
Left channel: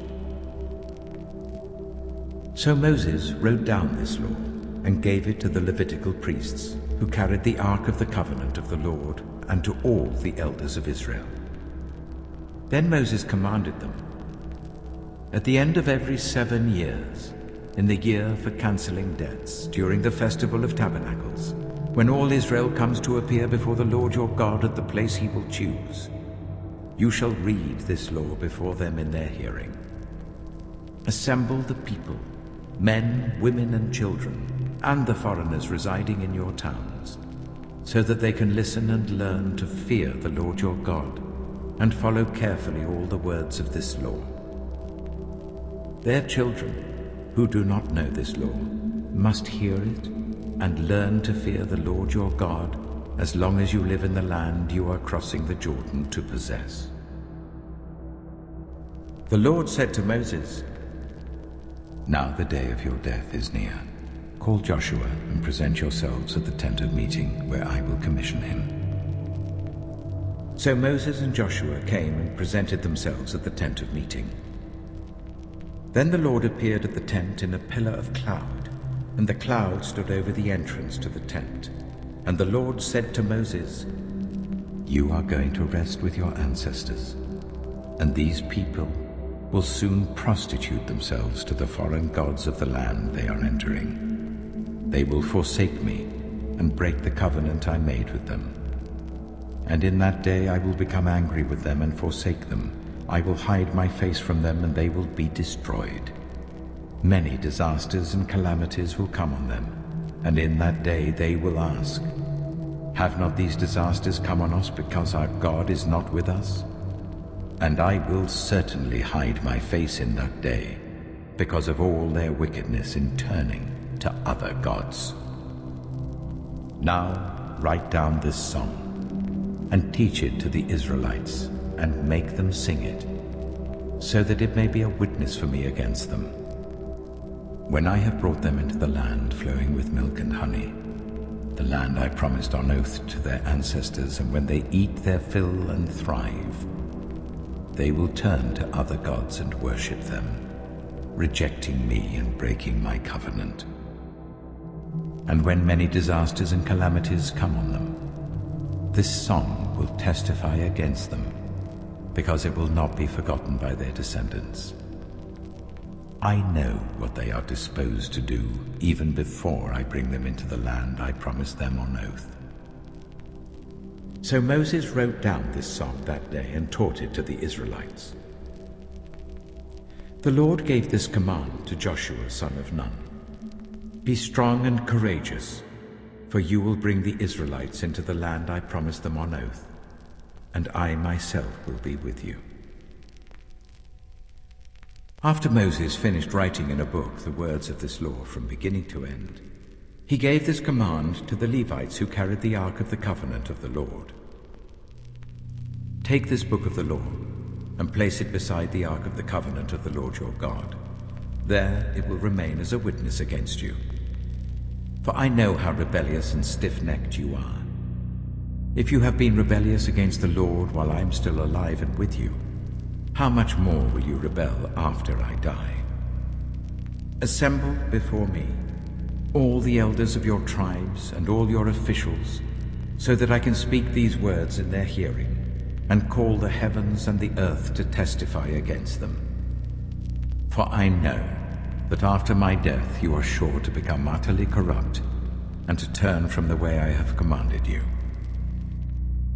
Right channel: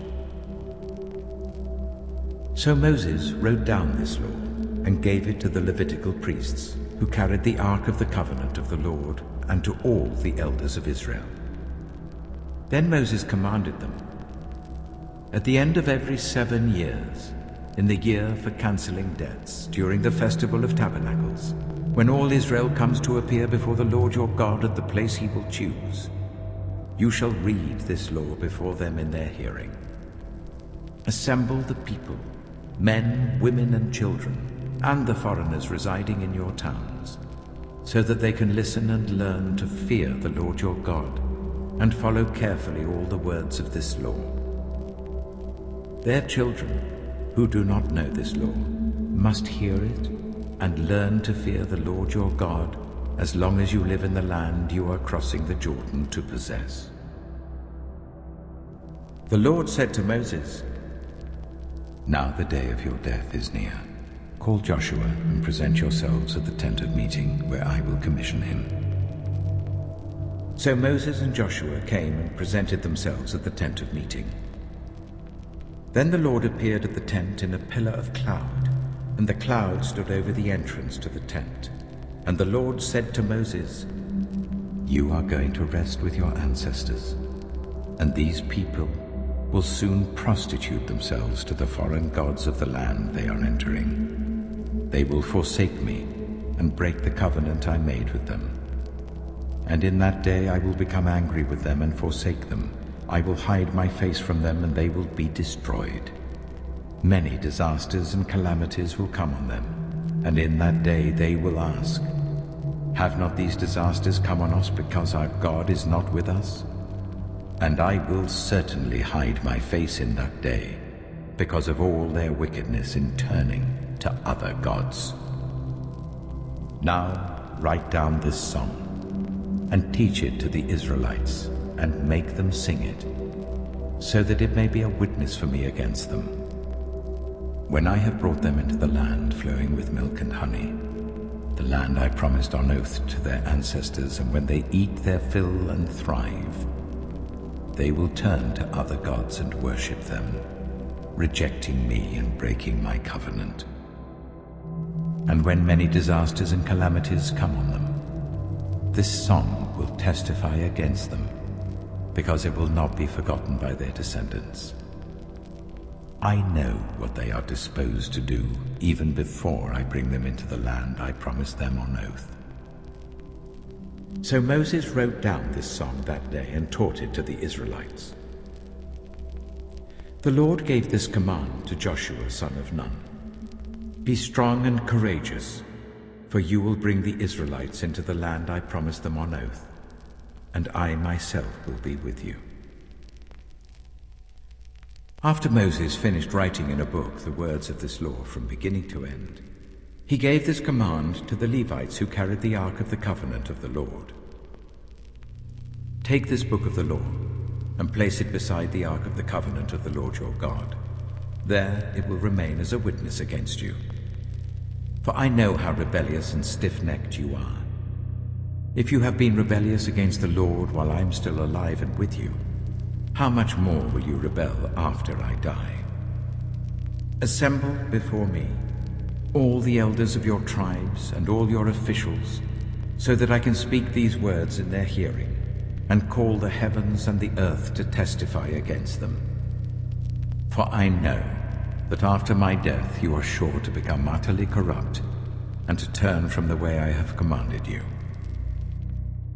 So Moses wrote down this law and gave it to the Levitical priests, who carried the ark of the covenant of the Lord, and to all the elders of Israel. Then Moses commanded them, At the end of every 7 years, in the year for cancelling debts, during the festival of tabernacles, when all Israel comes to appear before the Lord your God at the place he will choose, you shall read this law before them in their hearing. Assemble the people, men, women, and children, and the foreigners residing in your towns, so that they can listen and learn to fear the Lord your God, and follow carefully all the words of this law. Their children, who do not know this law, must hear it and learn to fear the Lord your God as long as you live in the land you are crossing the Jordan to possess. The Lord said to Moses, "Now the day of your death is near. Call Joshua and present yourselves at the tent of meeting, where I will commission him." So Moses and Joshua came and presented themselves at the tent of meeting. Then the Lord appeared at the tent in a pillar of cloud, and the cloud stood over the entrance to the tent. And the Lord said to Moses, "You are going to rest with your ancestors, and these people will soon prostitute themselves to the foreign gods of the land they are entering. They will forsake me and break the covenant I made with them. And in that day I will become angry with them and forsake them. I will hide my face from them, and they will be destroyed. Many disasters and calamities will come on them, and in that day they will ask, 'Have not these disasters come on us because our God is not with us?' And I will certainly hide my face in that day, because of all their wickedness in turning to other gods. Now write down this song, and teach it to the Israelites, and make them sing it, so that it may be a witness for me against them. When I have brought them into the land flowing with milk and honey, the land I promised on oath to their ancestors, and when they eat their fill and thrive, they will turn to other gods and worship them, rejecting me and breaking my covenant. And when many disasters and calamities come on them, this song will testify against them, because it will not be forgotten by their descendants. I know what they are disposed to do, even before I bring them into the land I promised them on oath." So Moses wrote down this song that day and taught it to the Israelites. The Lord gave this command to Joshua son of Nun: "Be strong and courageous, for you will bring the Israelites into the land I promised them on oath, and I myself will be with you." After Moses finished writing in a book the words of this law from beginning to end, he gave this command to the Levites who carried the Ark of the Covenant of the Lord. "Take this book of the law and place it beside the Ark of the Covenant of the Lord your God. There it will remain as a witness against you. For I know how rebellious and stiff-necked you are. If you have been rebellious against the Lord while I am still alive and with you, how much more will you rebel after I die? Assemble before me all the elders of your tribes and all your officials, so that I can speak these words in their hearing, and call the heavens and the earth to testify against them. For I know that after my death you are sure to become utterly corrupt, and to turn from the way I have commanded you.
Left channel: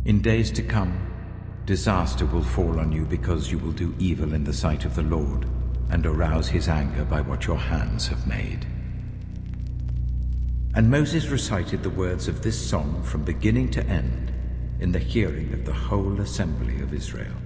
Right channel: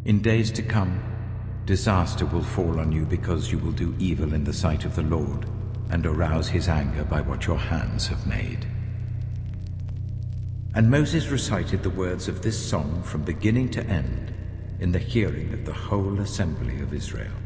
In days to come, disaster will fall on you because you will do evil in the sight of the Lord, and arouse his anger by what your hands have made." And Moses recited the words of this song from beginning to end in the hearing of the whole assembly of Israel.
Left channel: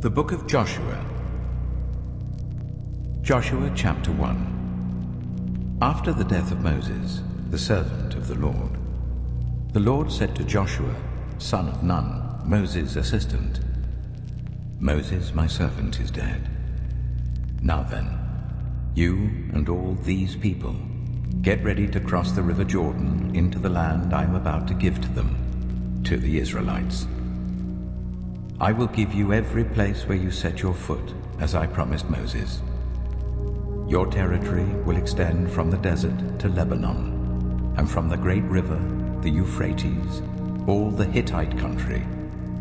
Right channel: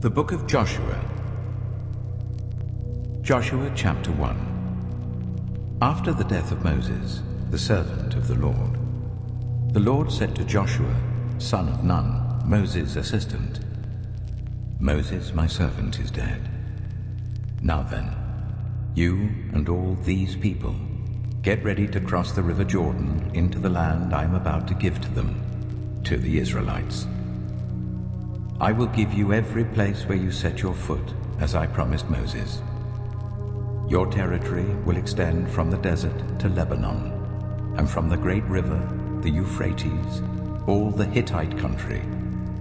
The Book of Joshua. Joshua chapter 1. After the death of Moses, the servant of the Lord said to Joshua, son of Nun, Moses' assistant, Moses, my servant, is dead. Now then, you and all these people, get ready to cross the river Jordan into the land I am about to give to them, to the Israelites. I will give you every place where you set your foot, as I promised Moses. Your territory will extend from the desert to Lebanon, and from the great river, the Euphrates, all the Hittite country,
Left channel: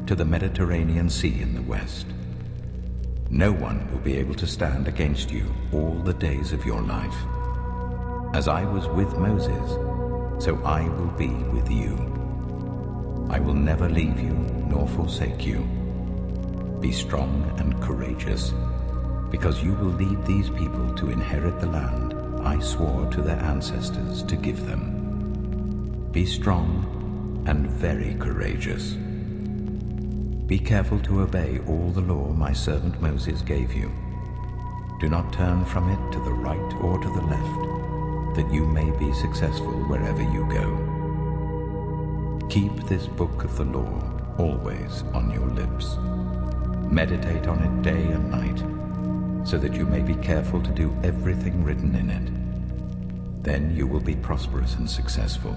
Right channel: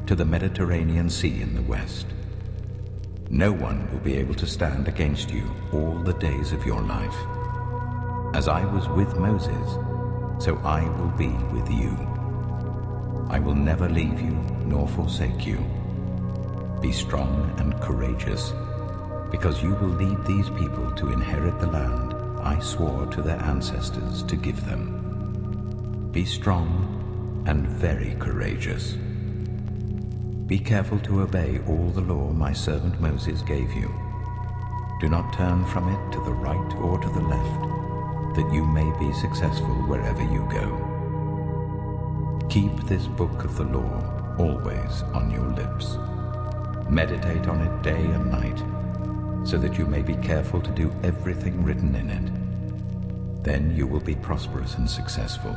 to the Mediterranean Sea in the west. No one will be able to stand against you all the days of your life. As I was with Moses, so I will be with you. I will never leave you nor forsake you. Be strong and courageous, because you will lead these people to inherit the land I swore to their ancestors to give them. Be strong and very courageous. Be careful to obey all the law my servant Moses gave you. Do not turn from it to the right or to the left, that you may be successful wherever you go. Keep this book of the law always on your lips. Meditate on it day and night, so that you may be careful to do everything written in it. Then you will be prosperous and successful.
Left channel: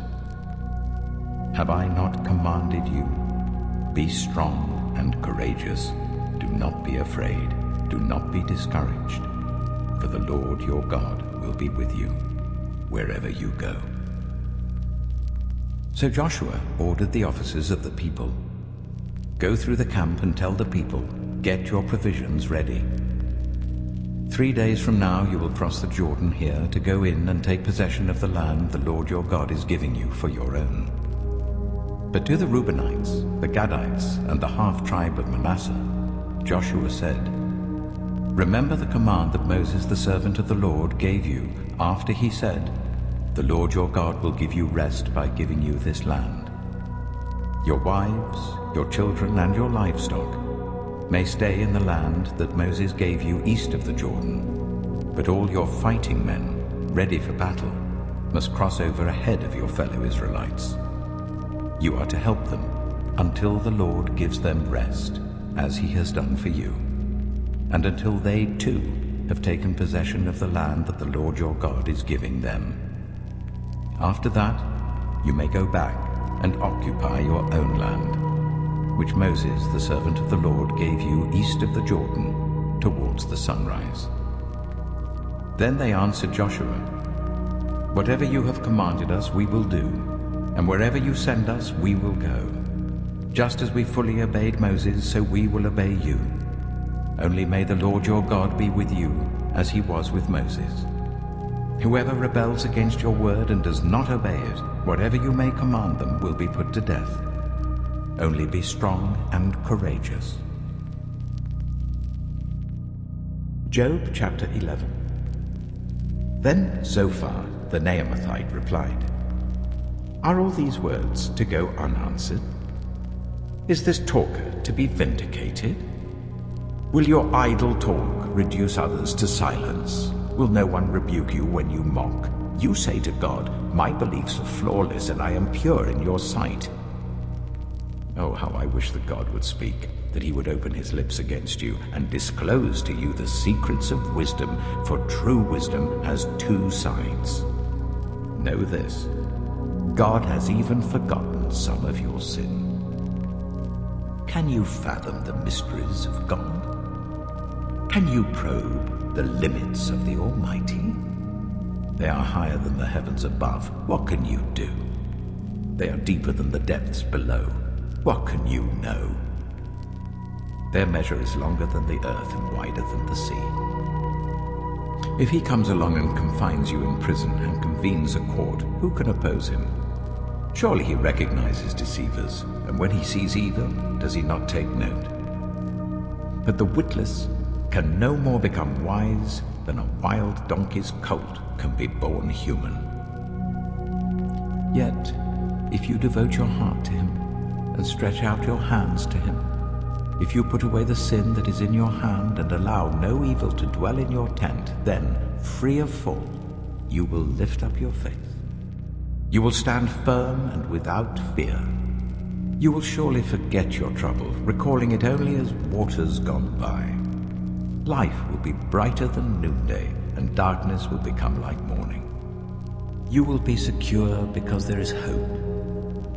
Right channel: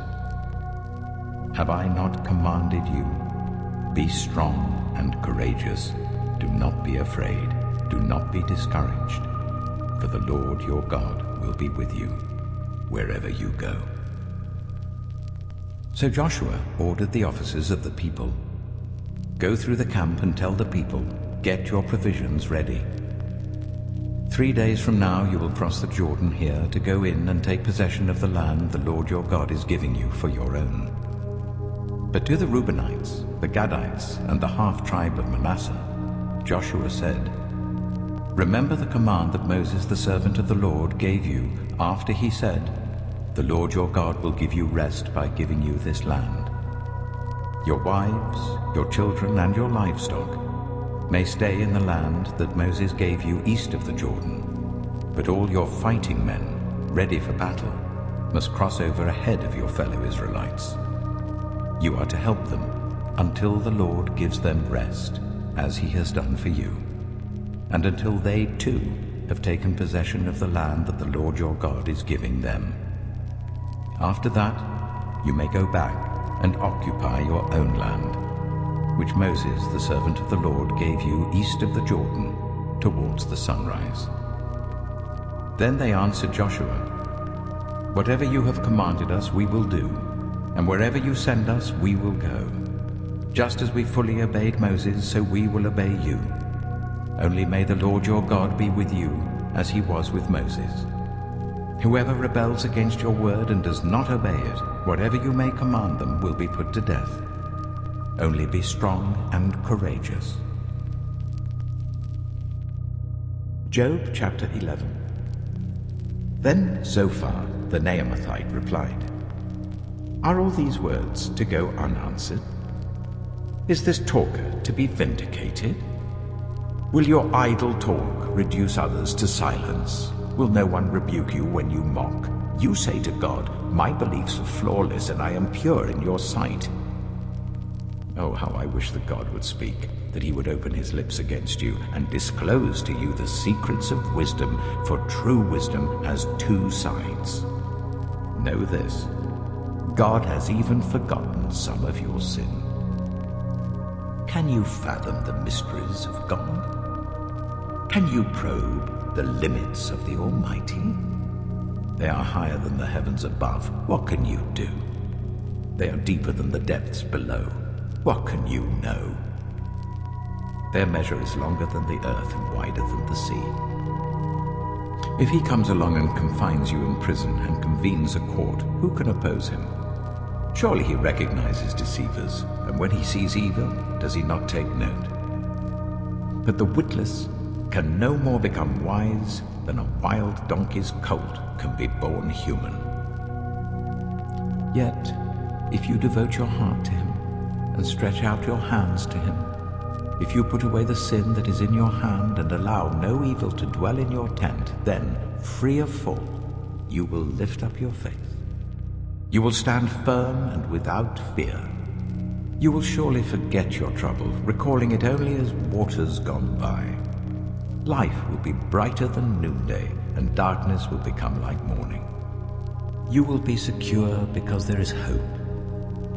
Have I not commanded you? Be strong and courageous. Do not be afraid. Do not be discouraged. For the Lord your God will be with you wherever you go. So Joshua ordered the officers of the people, go through the camp and tell the people, get your provisions ready. 3 days from now you will cross the Jordan here to go in and take possession of the land the Lord your God is giving you for your own. But to the Reubenites, the Gadites, and the half-tribe of Manasseh, Joshua said, remember the command that Moses the servant of the Lord gave you after he said, the Lord your God will give you rest by giving you this land. Your wives, your children, and your livestock may stay in the land that Moses gave you east of the Jordan, but all your fighting men, ready for battle, must cross over ahead of your fellow Israelites. You are to help them until the Lord gives them rest, as he has done for you, and until they too have taken possession of the land that the Lord your God is giving them. After that, you may go back and occupy your own land, which Moses, the servant of the Lord, gave you east of the Jordan, towards the sunrise. Then they answered Joshua, whatever you have commanded us, we will do, and wherever you send us, we will go. Just as we fully obeyed Moses, so we will obey you. Only may the Lord your God be with you, as he was with Moses. Whoever rebels against your word and does not obey it, whatever you may command them, will be put to death. Only be strong and courageous. Job chapter 11. Then Zophar the Naamathite replied, are all these words to go unanswered? Is this talker to be vindicated? Will your idle talk reduce others to silence? Will no one rebuke you when you mock? You say to God, my beliefs are flawless and I am pure in your sight. Oh, how I wish that God would speak, that he would open his lips against you and disclose to you the secrets of wisdom, for true wisdom has two sides. Know this, God has even forgotten some of your sin. Can you fathom the mysteries of God? Can you probe the limits of the Almighty? They are higher than the heavens above. What can you do? They are deeper than the depths below. What can you know? Their measure is longer than the earth and wider than the sea. If he comes along and confines you in prison and convenes a court, who can oppose him? Surely he recognizes deceivers, and when he sees evil, does he not take note? But the witless can no more become wise than a wild donkey's colt can be born human. Yet, if you devote your heart to him and stretch out your hands to him, If you put away the sin that is in your hand and allow no evil to dwell in your tent, then, free of fault, you will lift up your face. You will stand firm and without fear. You will surely forget your trouble, recalling it only as waters gone by. Life will be brighter than noonday, and darkness will become like morning. You will be secure because there is hope.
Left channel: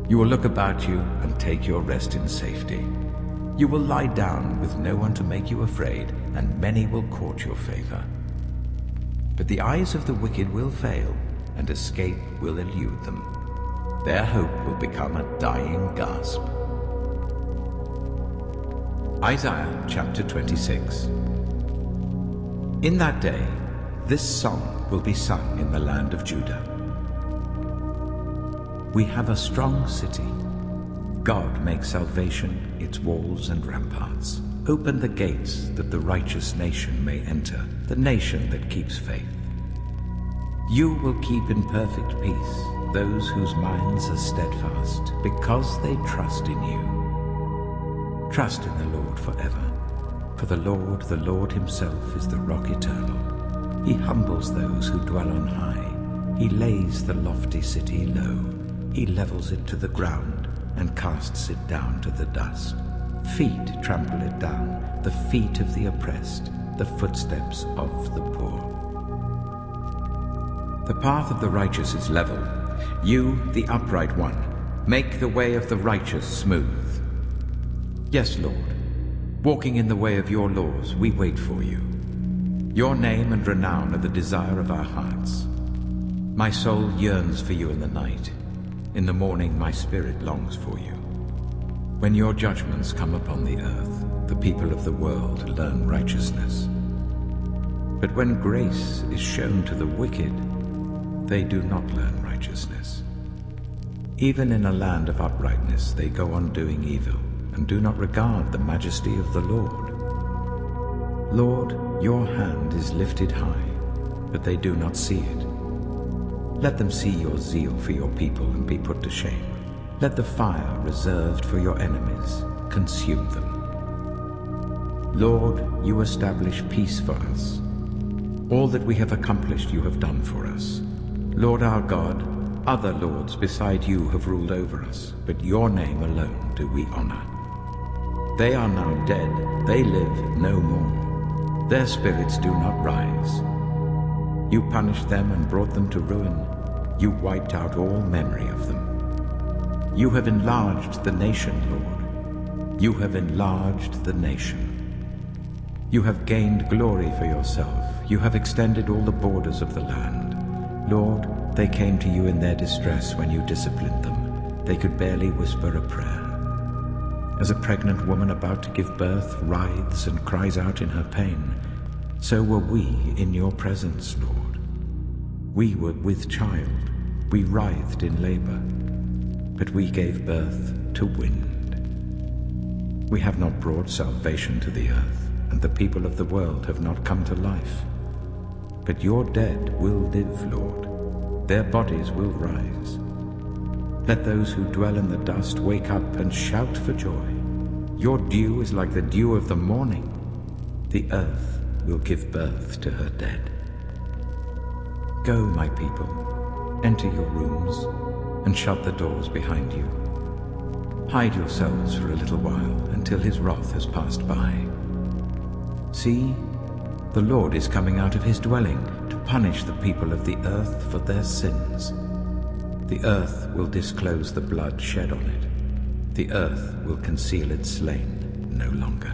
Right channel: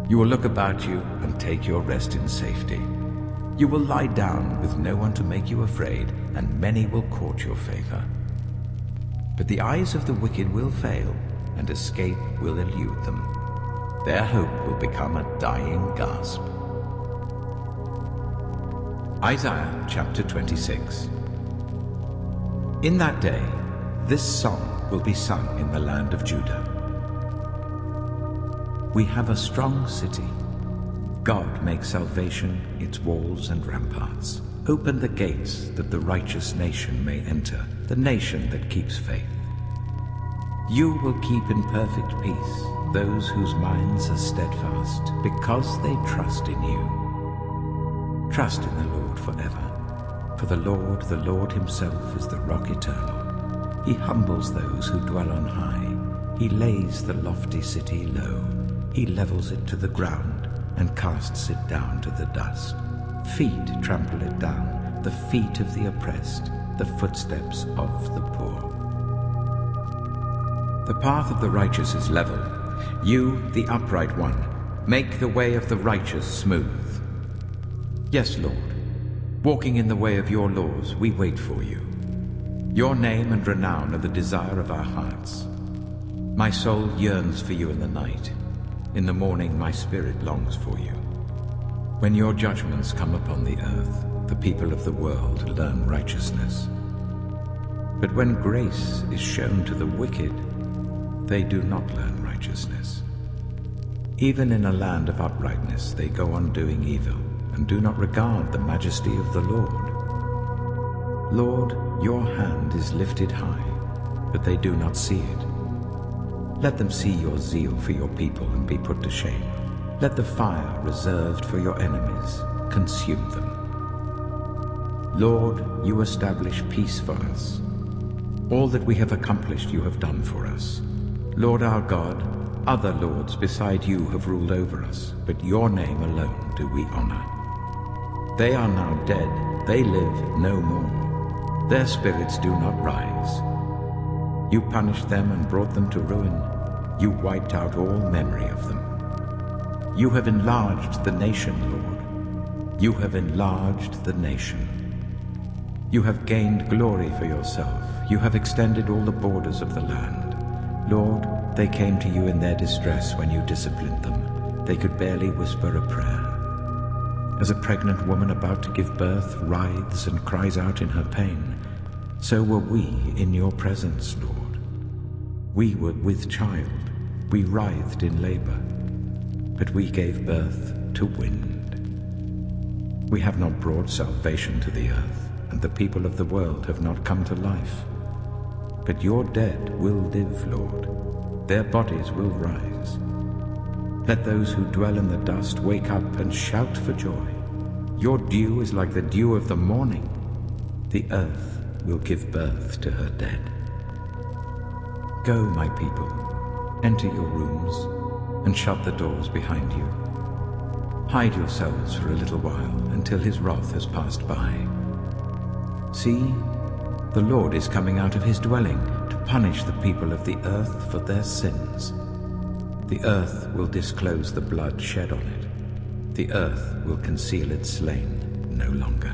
You will look about you and take your rest in safety. You will lie down with no one to make you afraid, and many will court your favor. But the eyes of the wicked will fail, and escape will elude them. Their hope will become a dying gasp. Isaiah chapter 26. In that day, this song will be sung in the land of Judah. We have a strong city. God makes salvation its walls and ramparts. Open the gates that the righteous nation may enter, the nation that keeps faith. You will keep in perfect peace those whose minds are steadfast, because they trust in you. Trust in the Lord forever. For the Lord himself is the rock eternal. He humbles those who dwell on high. He lays the lofty city low. He levels it to the ground and casts it down to the dust. Feet trample it down, the feet of the oppressed, the footsteps of the poor. The path of the righteous is level. You, the upright one, make the way of the righteous smooth. Yes, Lord, walking in the way of your laws, we wait for you. Your name and renown are the desire of our hearts. My soul yearns for you in the night. In the morning my spirit longs for you. When your judgments come upon the earth, the people of the world learn righteousness. But when grace is shown to the wicked, they do not learn righteousness. Even in a land of uprightness they go on doing evil, and do not regard the majesty of the Lord. Lord, your hand is lifted high, but they do not see it. Let them see your zeal for your people and be put to shame. Let the fire reserved for your enemies consume them. Lord, you establish peace for us. All that we have accomplished you have done for us. Lord our God, other lords beside you have ruled over us, but your name alone do we honor. They are now dead, they live no more. Their spirits do not rise. You punished them and brought them to ruin. You wiped out all memory of them. You have enlarged the nation, Lord. You have enlarged the nation. You have gained glory for yourself. You have extended all the borders of the land. Lord, they came to you in their distress when you disciplined them. They could barely whisper a prayer. As a pregnant woman about to give birth writhes and cries out in her pain, so were we in your presence, Lord. We were with child, we writhed in labor, but we gave birth to wind. We have not brought salvation to the earth, and the people of the world have not come to life. But your dead will live, Lord. Their bodies will rise. Let those who dwell in the dust wake up and shout for joy. Your dew is like the dew of the morning. The earth will give birth to her dead. Go, my people, enter your rooms, and shut the doors behind you. Hide yourselves for a little while until his wrath has passed by. See, the Lord is coming out of his dwelling to punish the people of the earth for their sins. The earth will disclose the blood shed on it. The earth will conceal its slain no longer.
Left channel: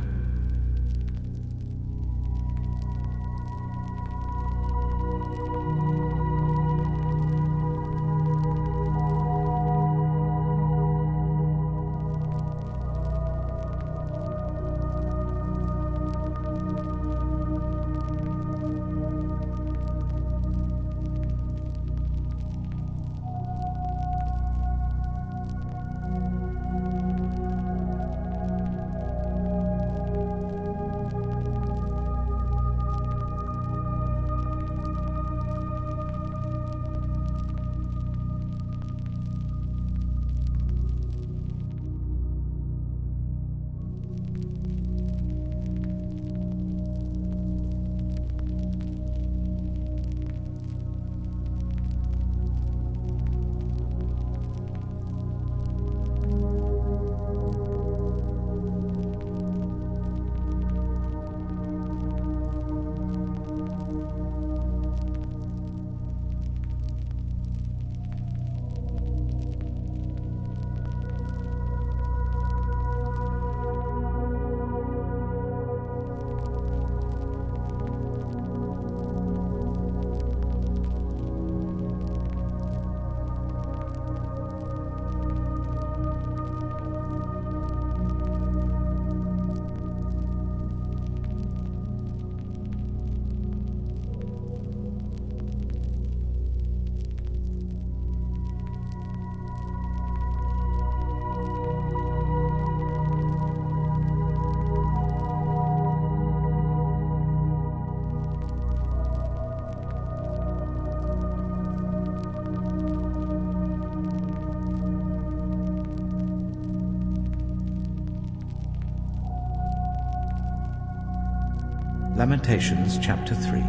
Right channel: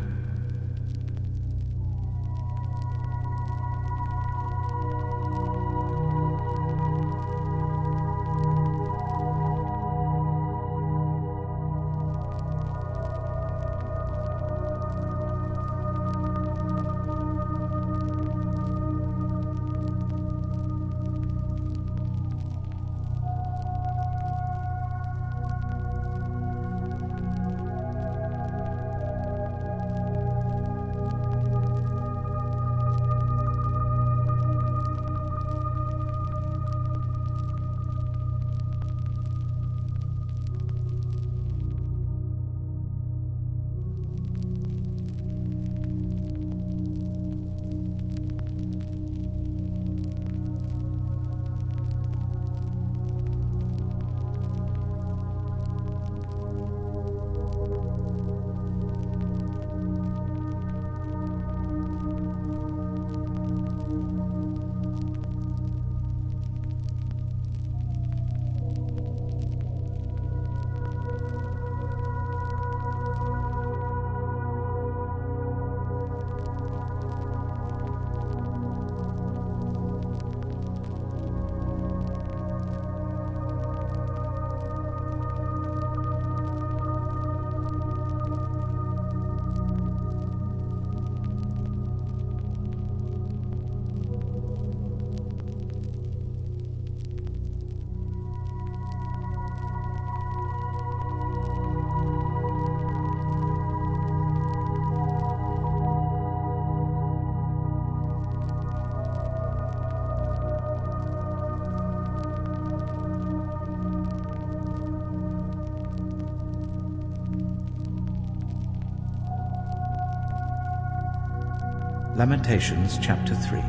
Lamentations chapter 3.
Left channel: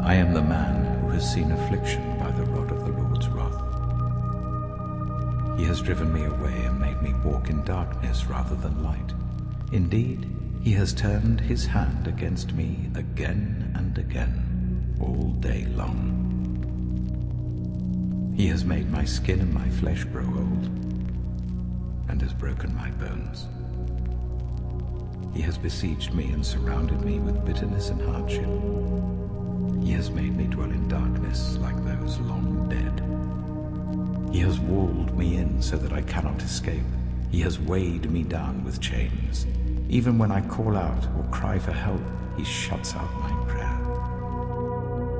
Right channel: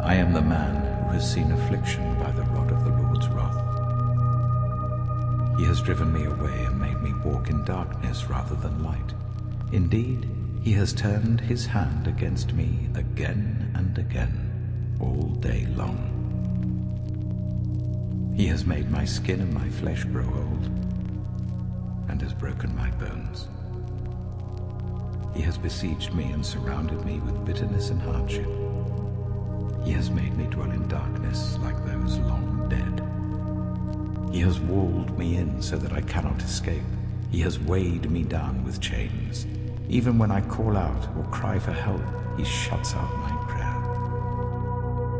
I am the man who has seen affliction by the rod of the Lord's wrath. He has driven me away and made me walk in darkness rather than light. Indeed, he has turned his hand against me again and again, all day long. He has made my skin and my flesh grow old, and has broken my bones. He has besieged me and surrounded me with bitterness and hardship. He has made me dwell in darkness like those long dead. He has walled me in so that I cannot escape. He has weighed me down with chains. Even when I call out or cry for help, he shuts out my prayer.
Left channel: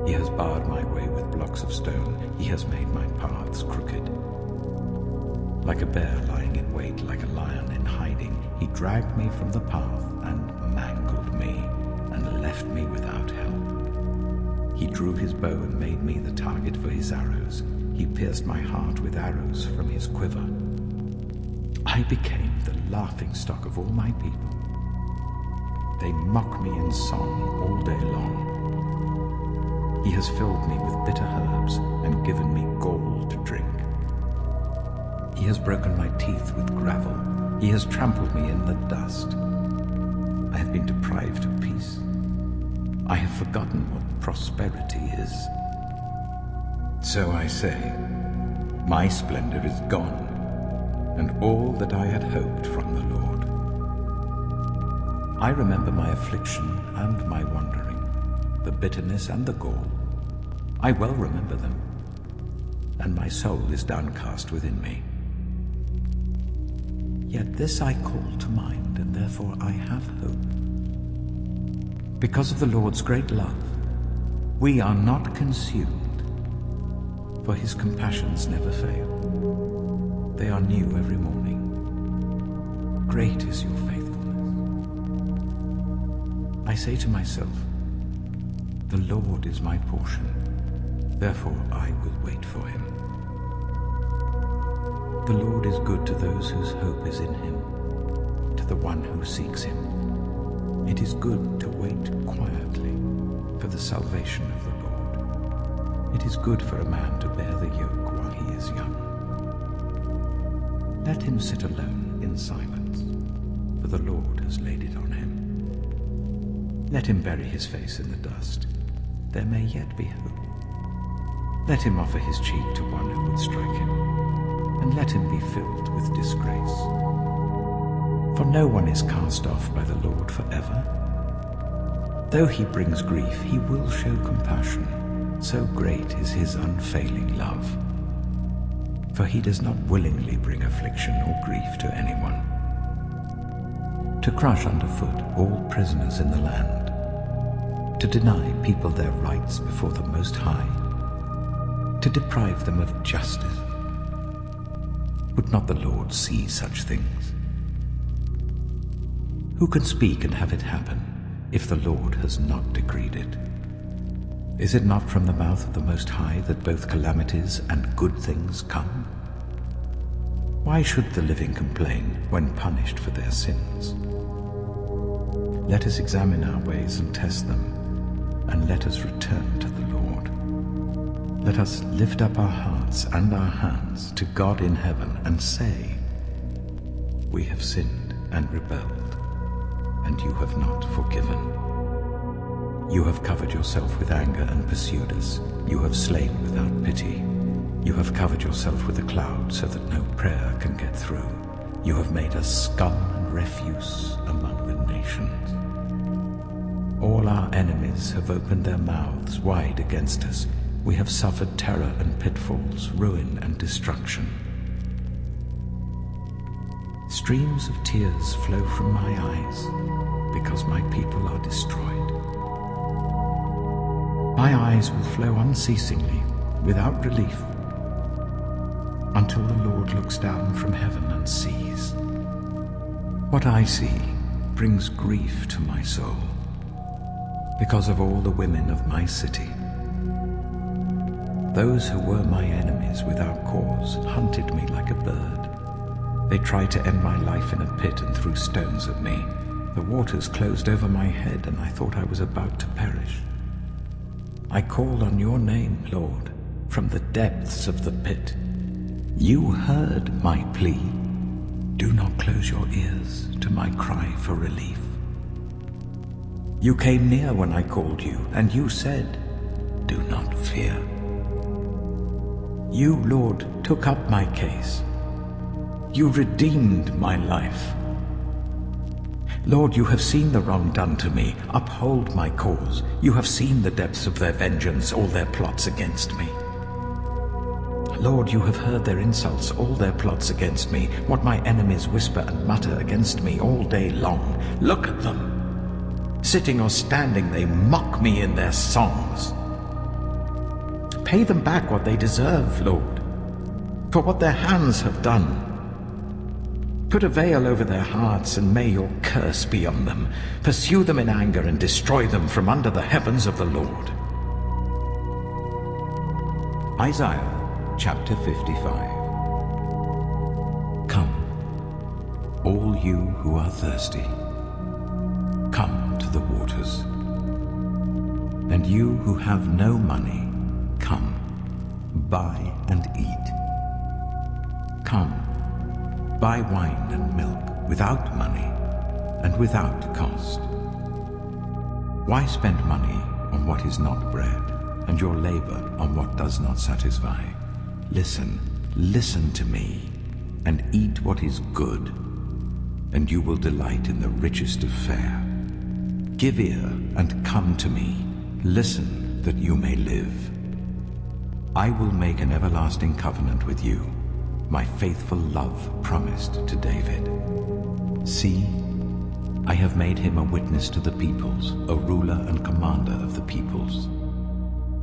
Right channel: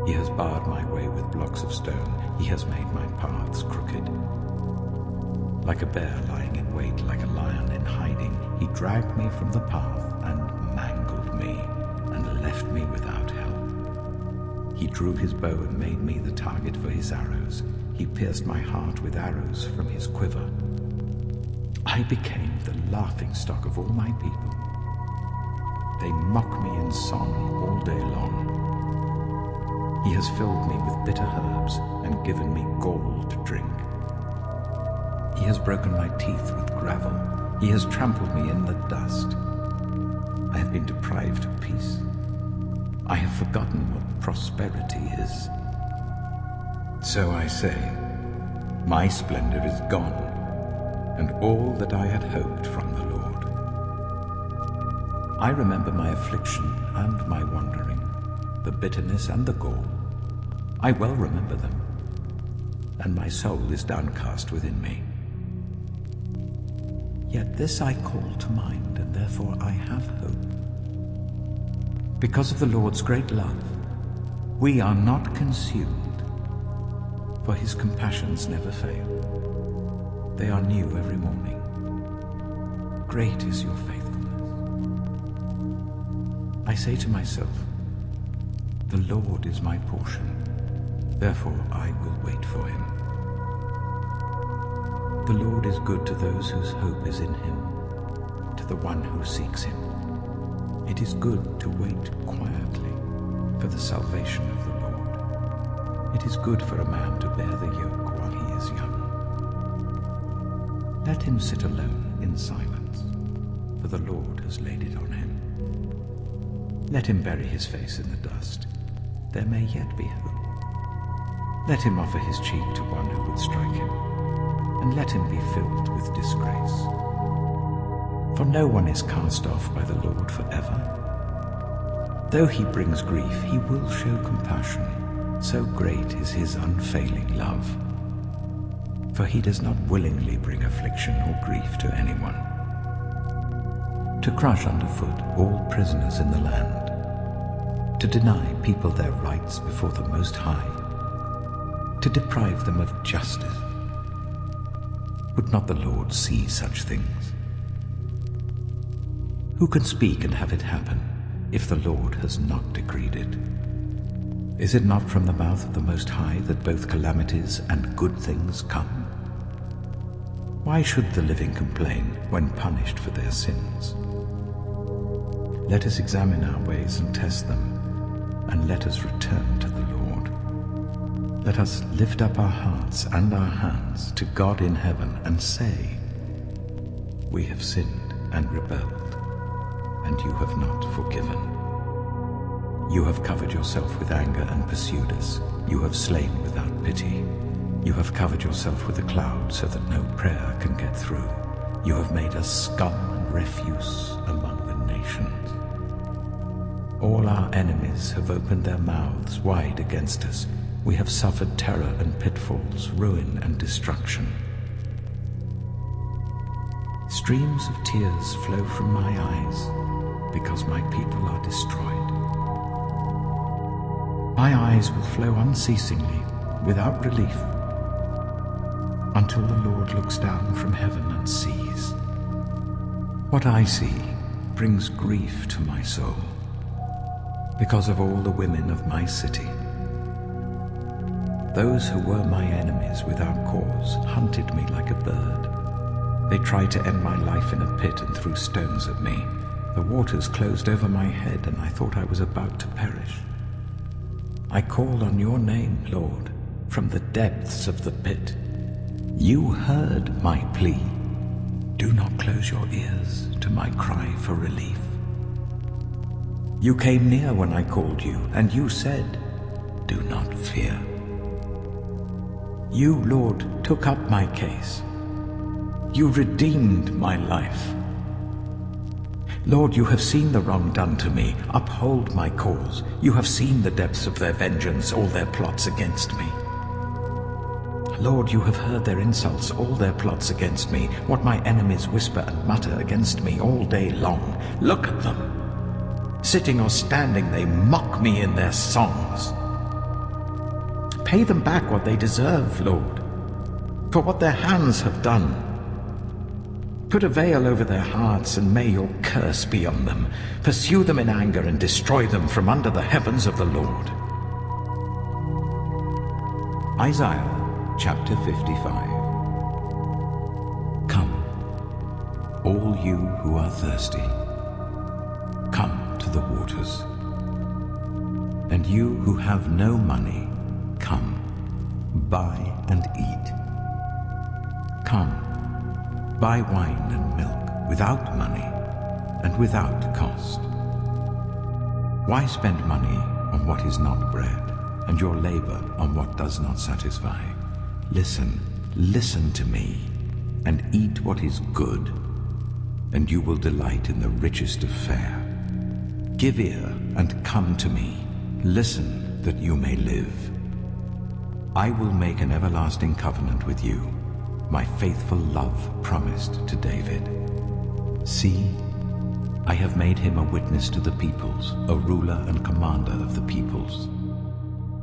He has barred my way with blocks of stone. He has made my paths crooked. Like a bear lying in wait, like a lion in hiding, he dragged me from the path and mangled me and left me without help. He drew his bow and made me the target for his arrows. He pierced my heart with arrows from his quiver. I became the laughingstock of all my people. They mock me in song all day long. He has filled me with bitter herbs and given me gall to drink. He has broken my teeth with gravel. He has trampled me in the dust. I have been deprived of peace. I have forgotten what prosperity is. So I say, my splendor is gone, and all that I had hoped from the Lord. I remember my affliction and my wandering, the bitterness and the gall. I well remember them, and my soul is downcast within me. Yet this I call to mind, and therefore I have hope. Because of the Lord's great love, we are not consumed, for his compassions never fail. They are new every morning. Great is your faithfulness. I say to myself, the Lord is my portion, therefore I will wait for him. The Lord is good to those whose hope is in him, to the one who seeks him. It is good to wait quietly for the salvation of the Lord. It is good for a man to bear the yoke while he is young. Let him sit alone in silence, for the Lord has laid it on him. Let him bury his face in the dust. There may yet be hope. Let him offer his cheek to one who would strike him, and let him be filled with disgrace. For no one is cast off by the Lord forever. Though he brings grief, he will show compassion. So great is his unfailing love. For he does not willingly bring affliction or grief to anyone. To crush underfoot all prisoners in the land. To deny people their rights before the Most High. To deprive them of justice. Would not the Lord see such things? Who can speak and have it happen if the Lord has not decreed it? Is it not from the mouth of the Most High that both calamities and good things come? Why should the living complain when punished for their sins? Let us examine our ways and test them, and let us return to the Lord. Let us lift up our hearts and our hands to God in heaven and say, we have sinned and rebelled, and you have not forgiven. You have covered yourself with anger and pursued us. You have slain without pity. You have covered yourself with a cloud so that no prayer can get through. You have made us scum and refuse among the nations. All our enemies have opened their mouths wide against us. We have suffered terror and pitfalls, ruin and destruction. Streams of tears flow from my eyes because my people are destroyed. My eyes will flow unceasingly, without relief, until the Lord looks down from heaven and sees. What I see brings grief to my soul because of all the women of my city. Those who were my enemies without cause hunted me like a bird. They tried to end my life in a pit and threw stones at me. the waters closed over my head, and I thought I was about to perish. I called on your name, Lord, from the depths of the pit. You heard my plea. Do not close your ears to my cry for relief. You came near when I called you, and you said, do not fear. You, Lord, took up my case. You redeemed my life. Lord, you have seen the wrong done to me. Uphold my cause. You have seen the depths of their vengeance, all their plots against me. Lord, you have heard their insults, all their plots against me, what my enemies whisper and mutter against me all day long. Look at them. Sitting or standing, they mock me in their songs. Pay them back what they deserve, Lord, for what their hands have done. Put a veil over their hearts, and may your curse be on them. Pursue them in anger and destroy them from under the heavens of the Lord. Isaiah chapter 55. Come, all you who are thirsty, come to the waters. And you who have no money, come, buy and eat. Come, buy wine and milk without money and without cost. Why spend money on what is not bread, and your labor on what does not satisfy? Listen, listen to me, and eat what is good, and you will delight in the richest of fare. Give ear and come to me. Listen, that you may live. I will make an everlasting covenant with you, my faithful love promised to David. See, I have made him a witness to the peoples, a ruler and commander of the peoples.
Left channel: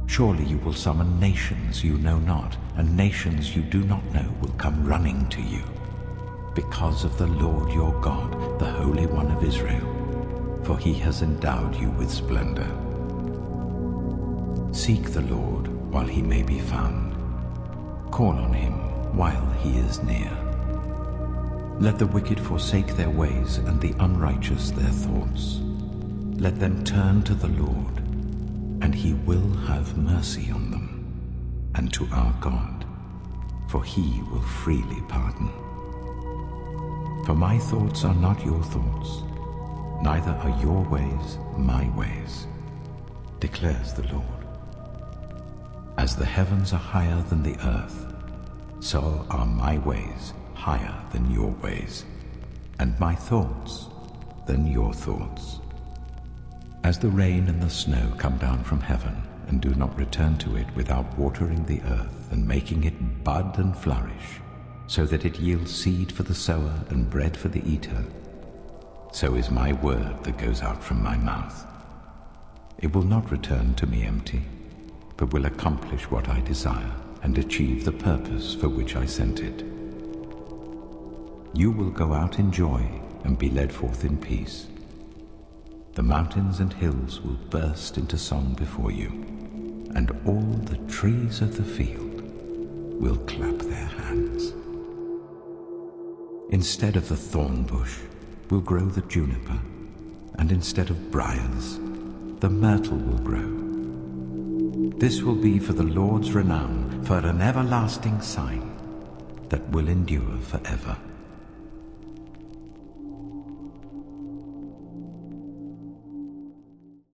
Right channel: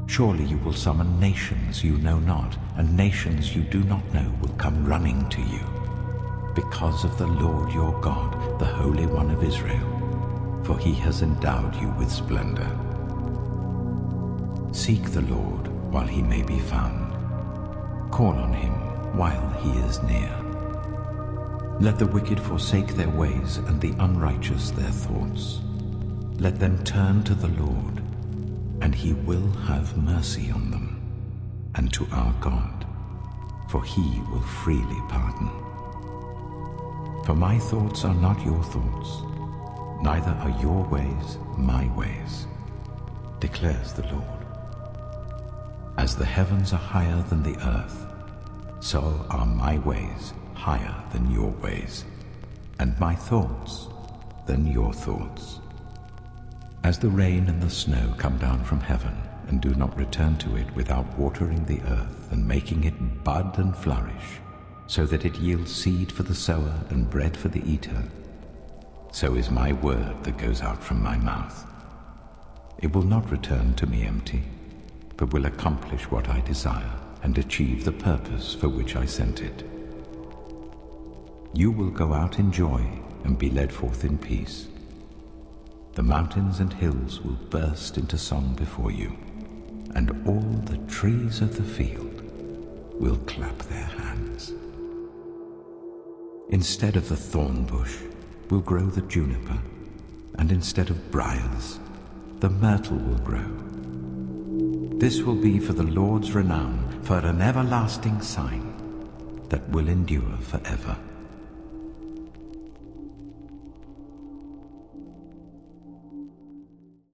Surely you will summon nations you know not, and nations you do not know will come running to you, because of the Lord your God, the Holy One of Israel, for he has endowed you with splendor. Seek the Lord while he may be found. Call on him while he is near. Let the wicked forsake their ways, and the unrighteous their thoughts. Let them turn to the Lord, and he will have mercy on them, and to our God, for he will freely pardon. For my thoughts are not your thoughts, neither are your ways my ways, declares the Lord. As the heavens are higher than the earth, so are my ways higher than your ways, and my thoughts than your thoughts. As the rain and the snow come down from heaven, and do not return to it without watering the earth and making it bud and flourish, so that it yields seed for the sower and bread for the eater, so is my word that goes out from my mouth. It will not return to me empty, but will accomplish what I desire and achieve the purpose for which I sent it. You will go out in joy and be led forth in peace. The mountains and hills will burst into song before you, and all the trees of the field will clap their hands. Instead of the thorn bush will grow the juniper, and instead of briars, the myrtle will grow. This will be for the Lord's renown, for an everlasting sign that will endure forever.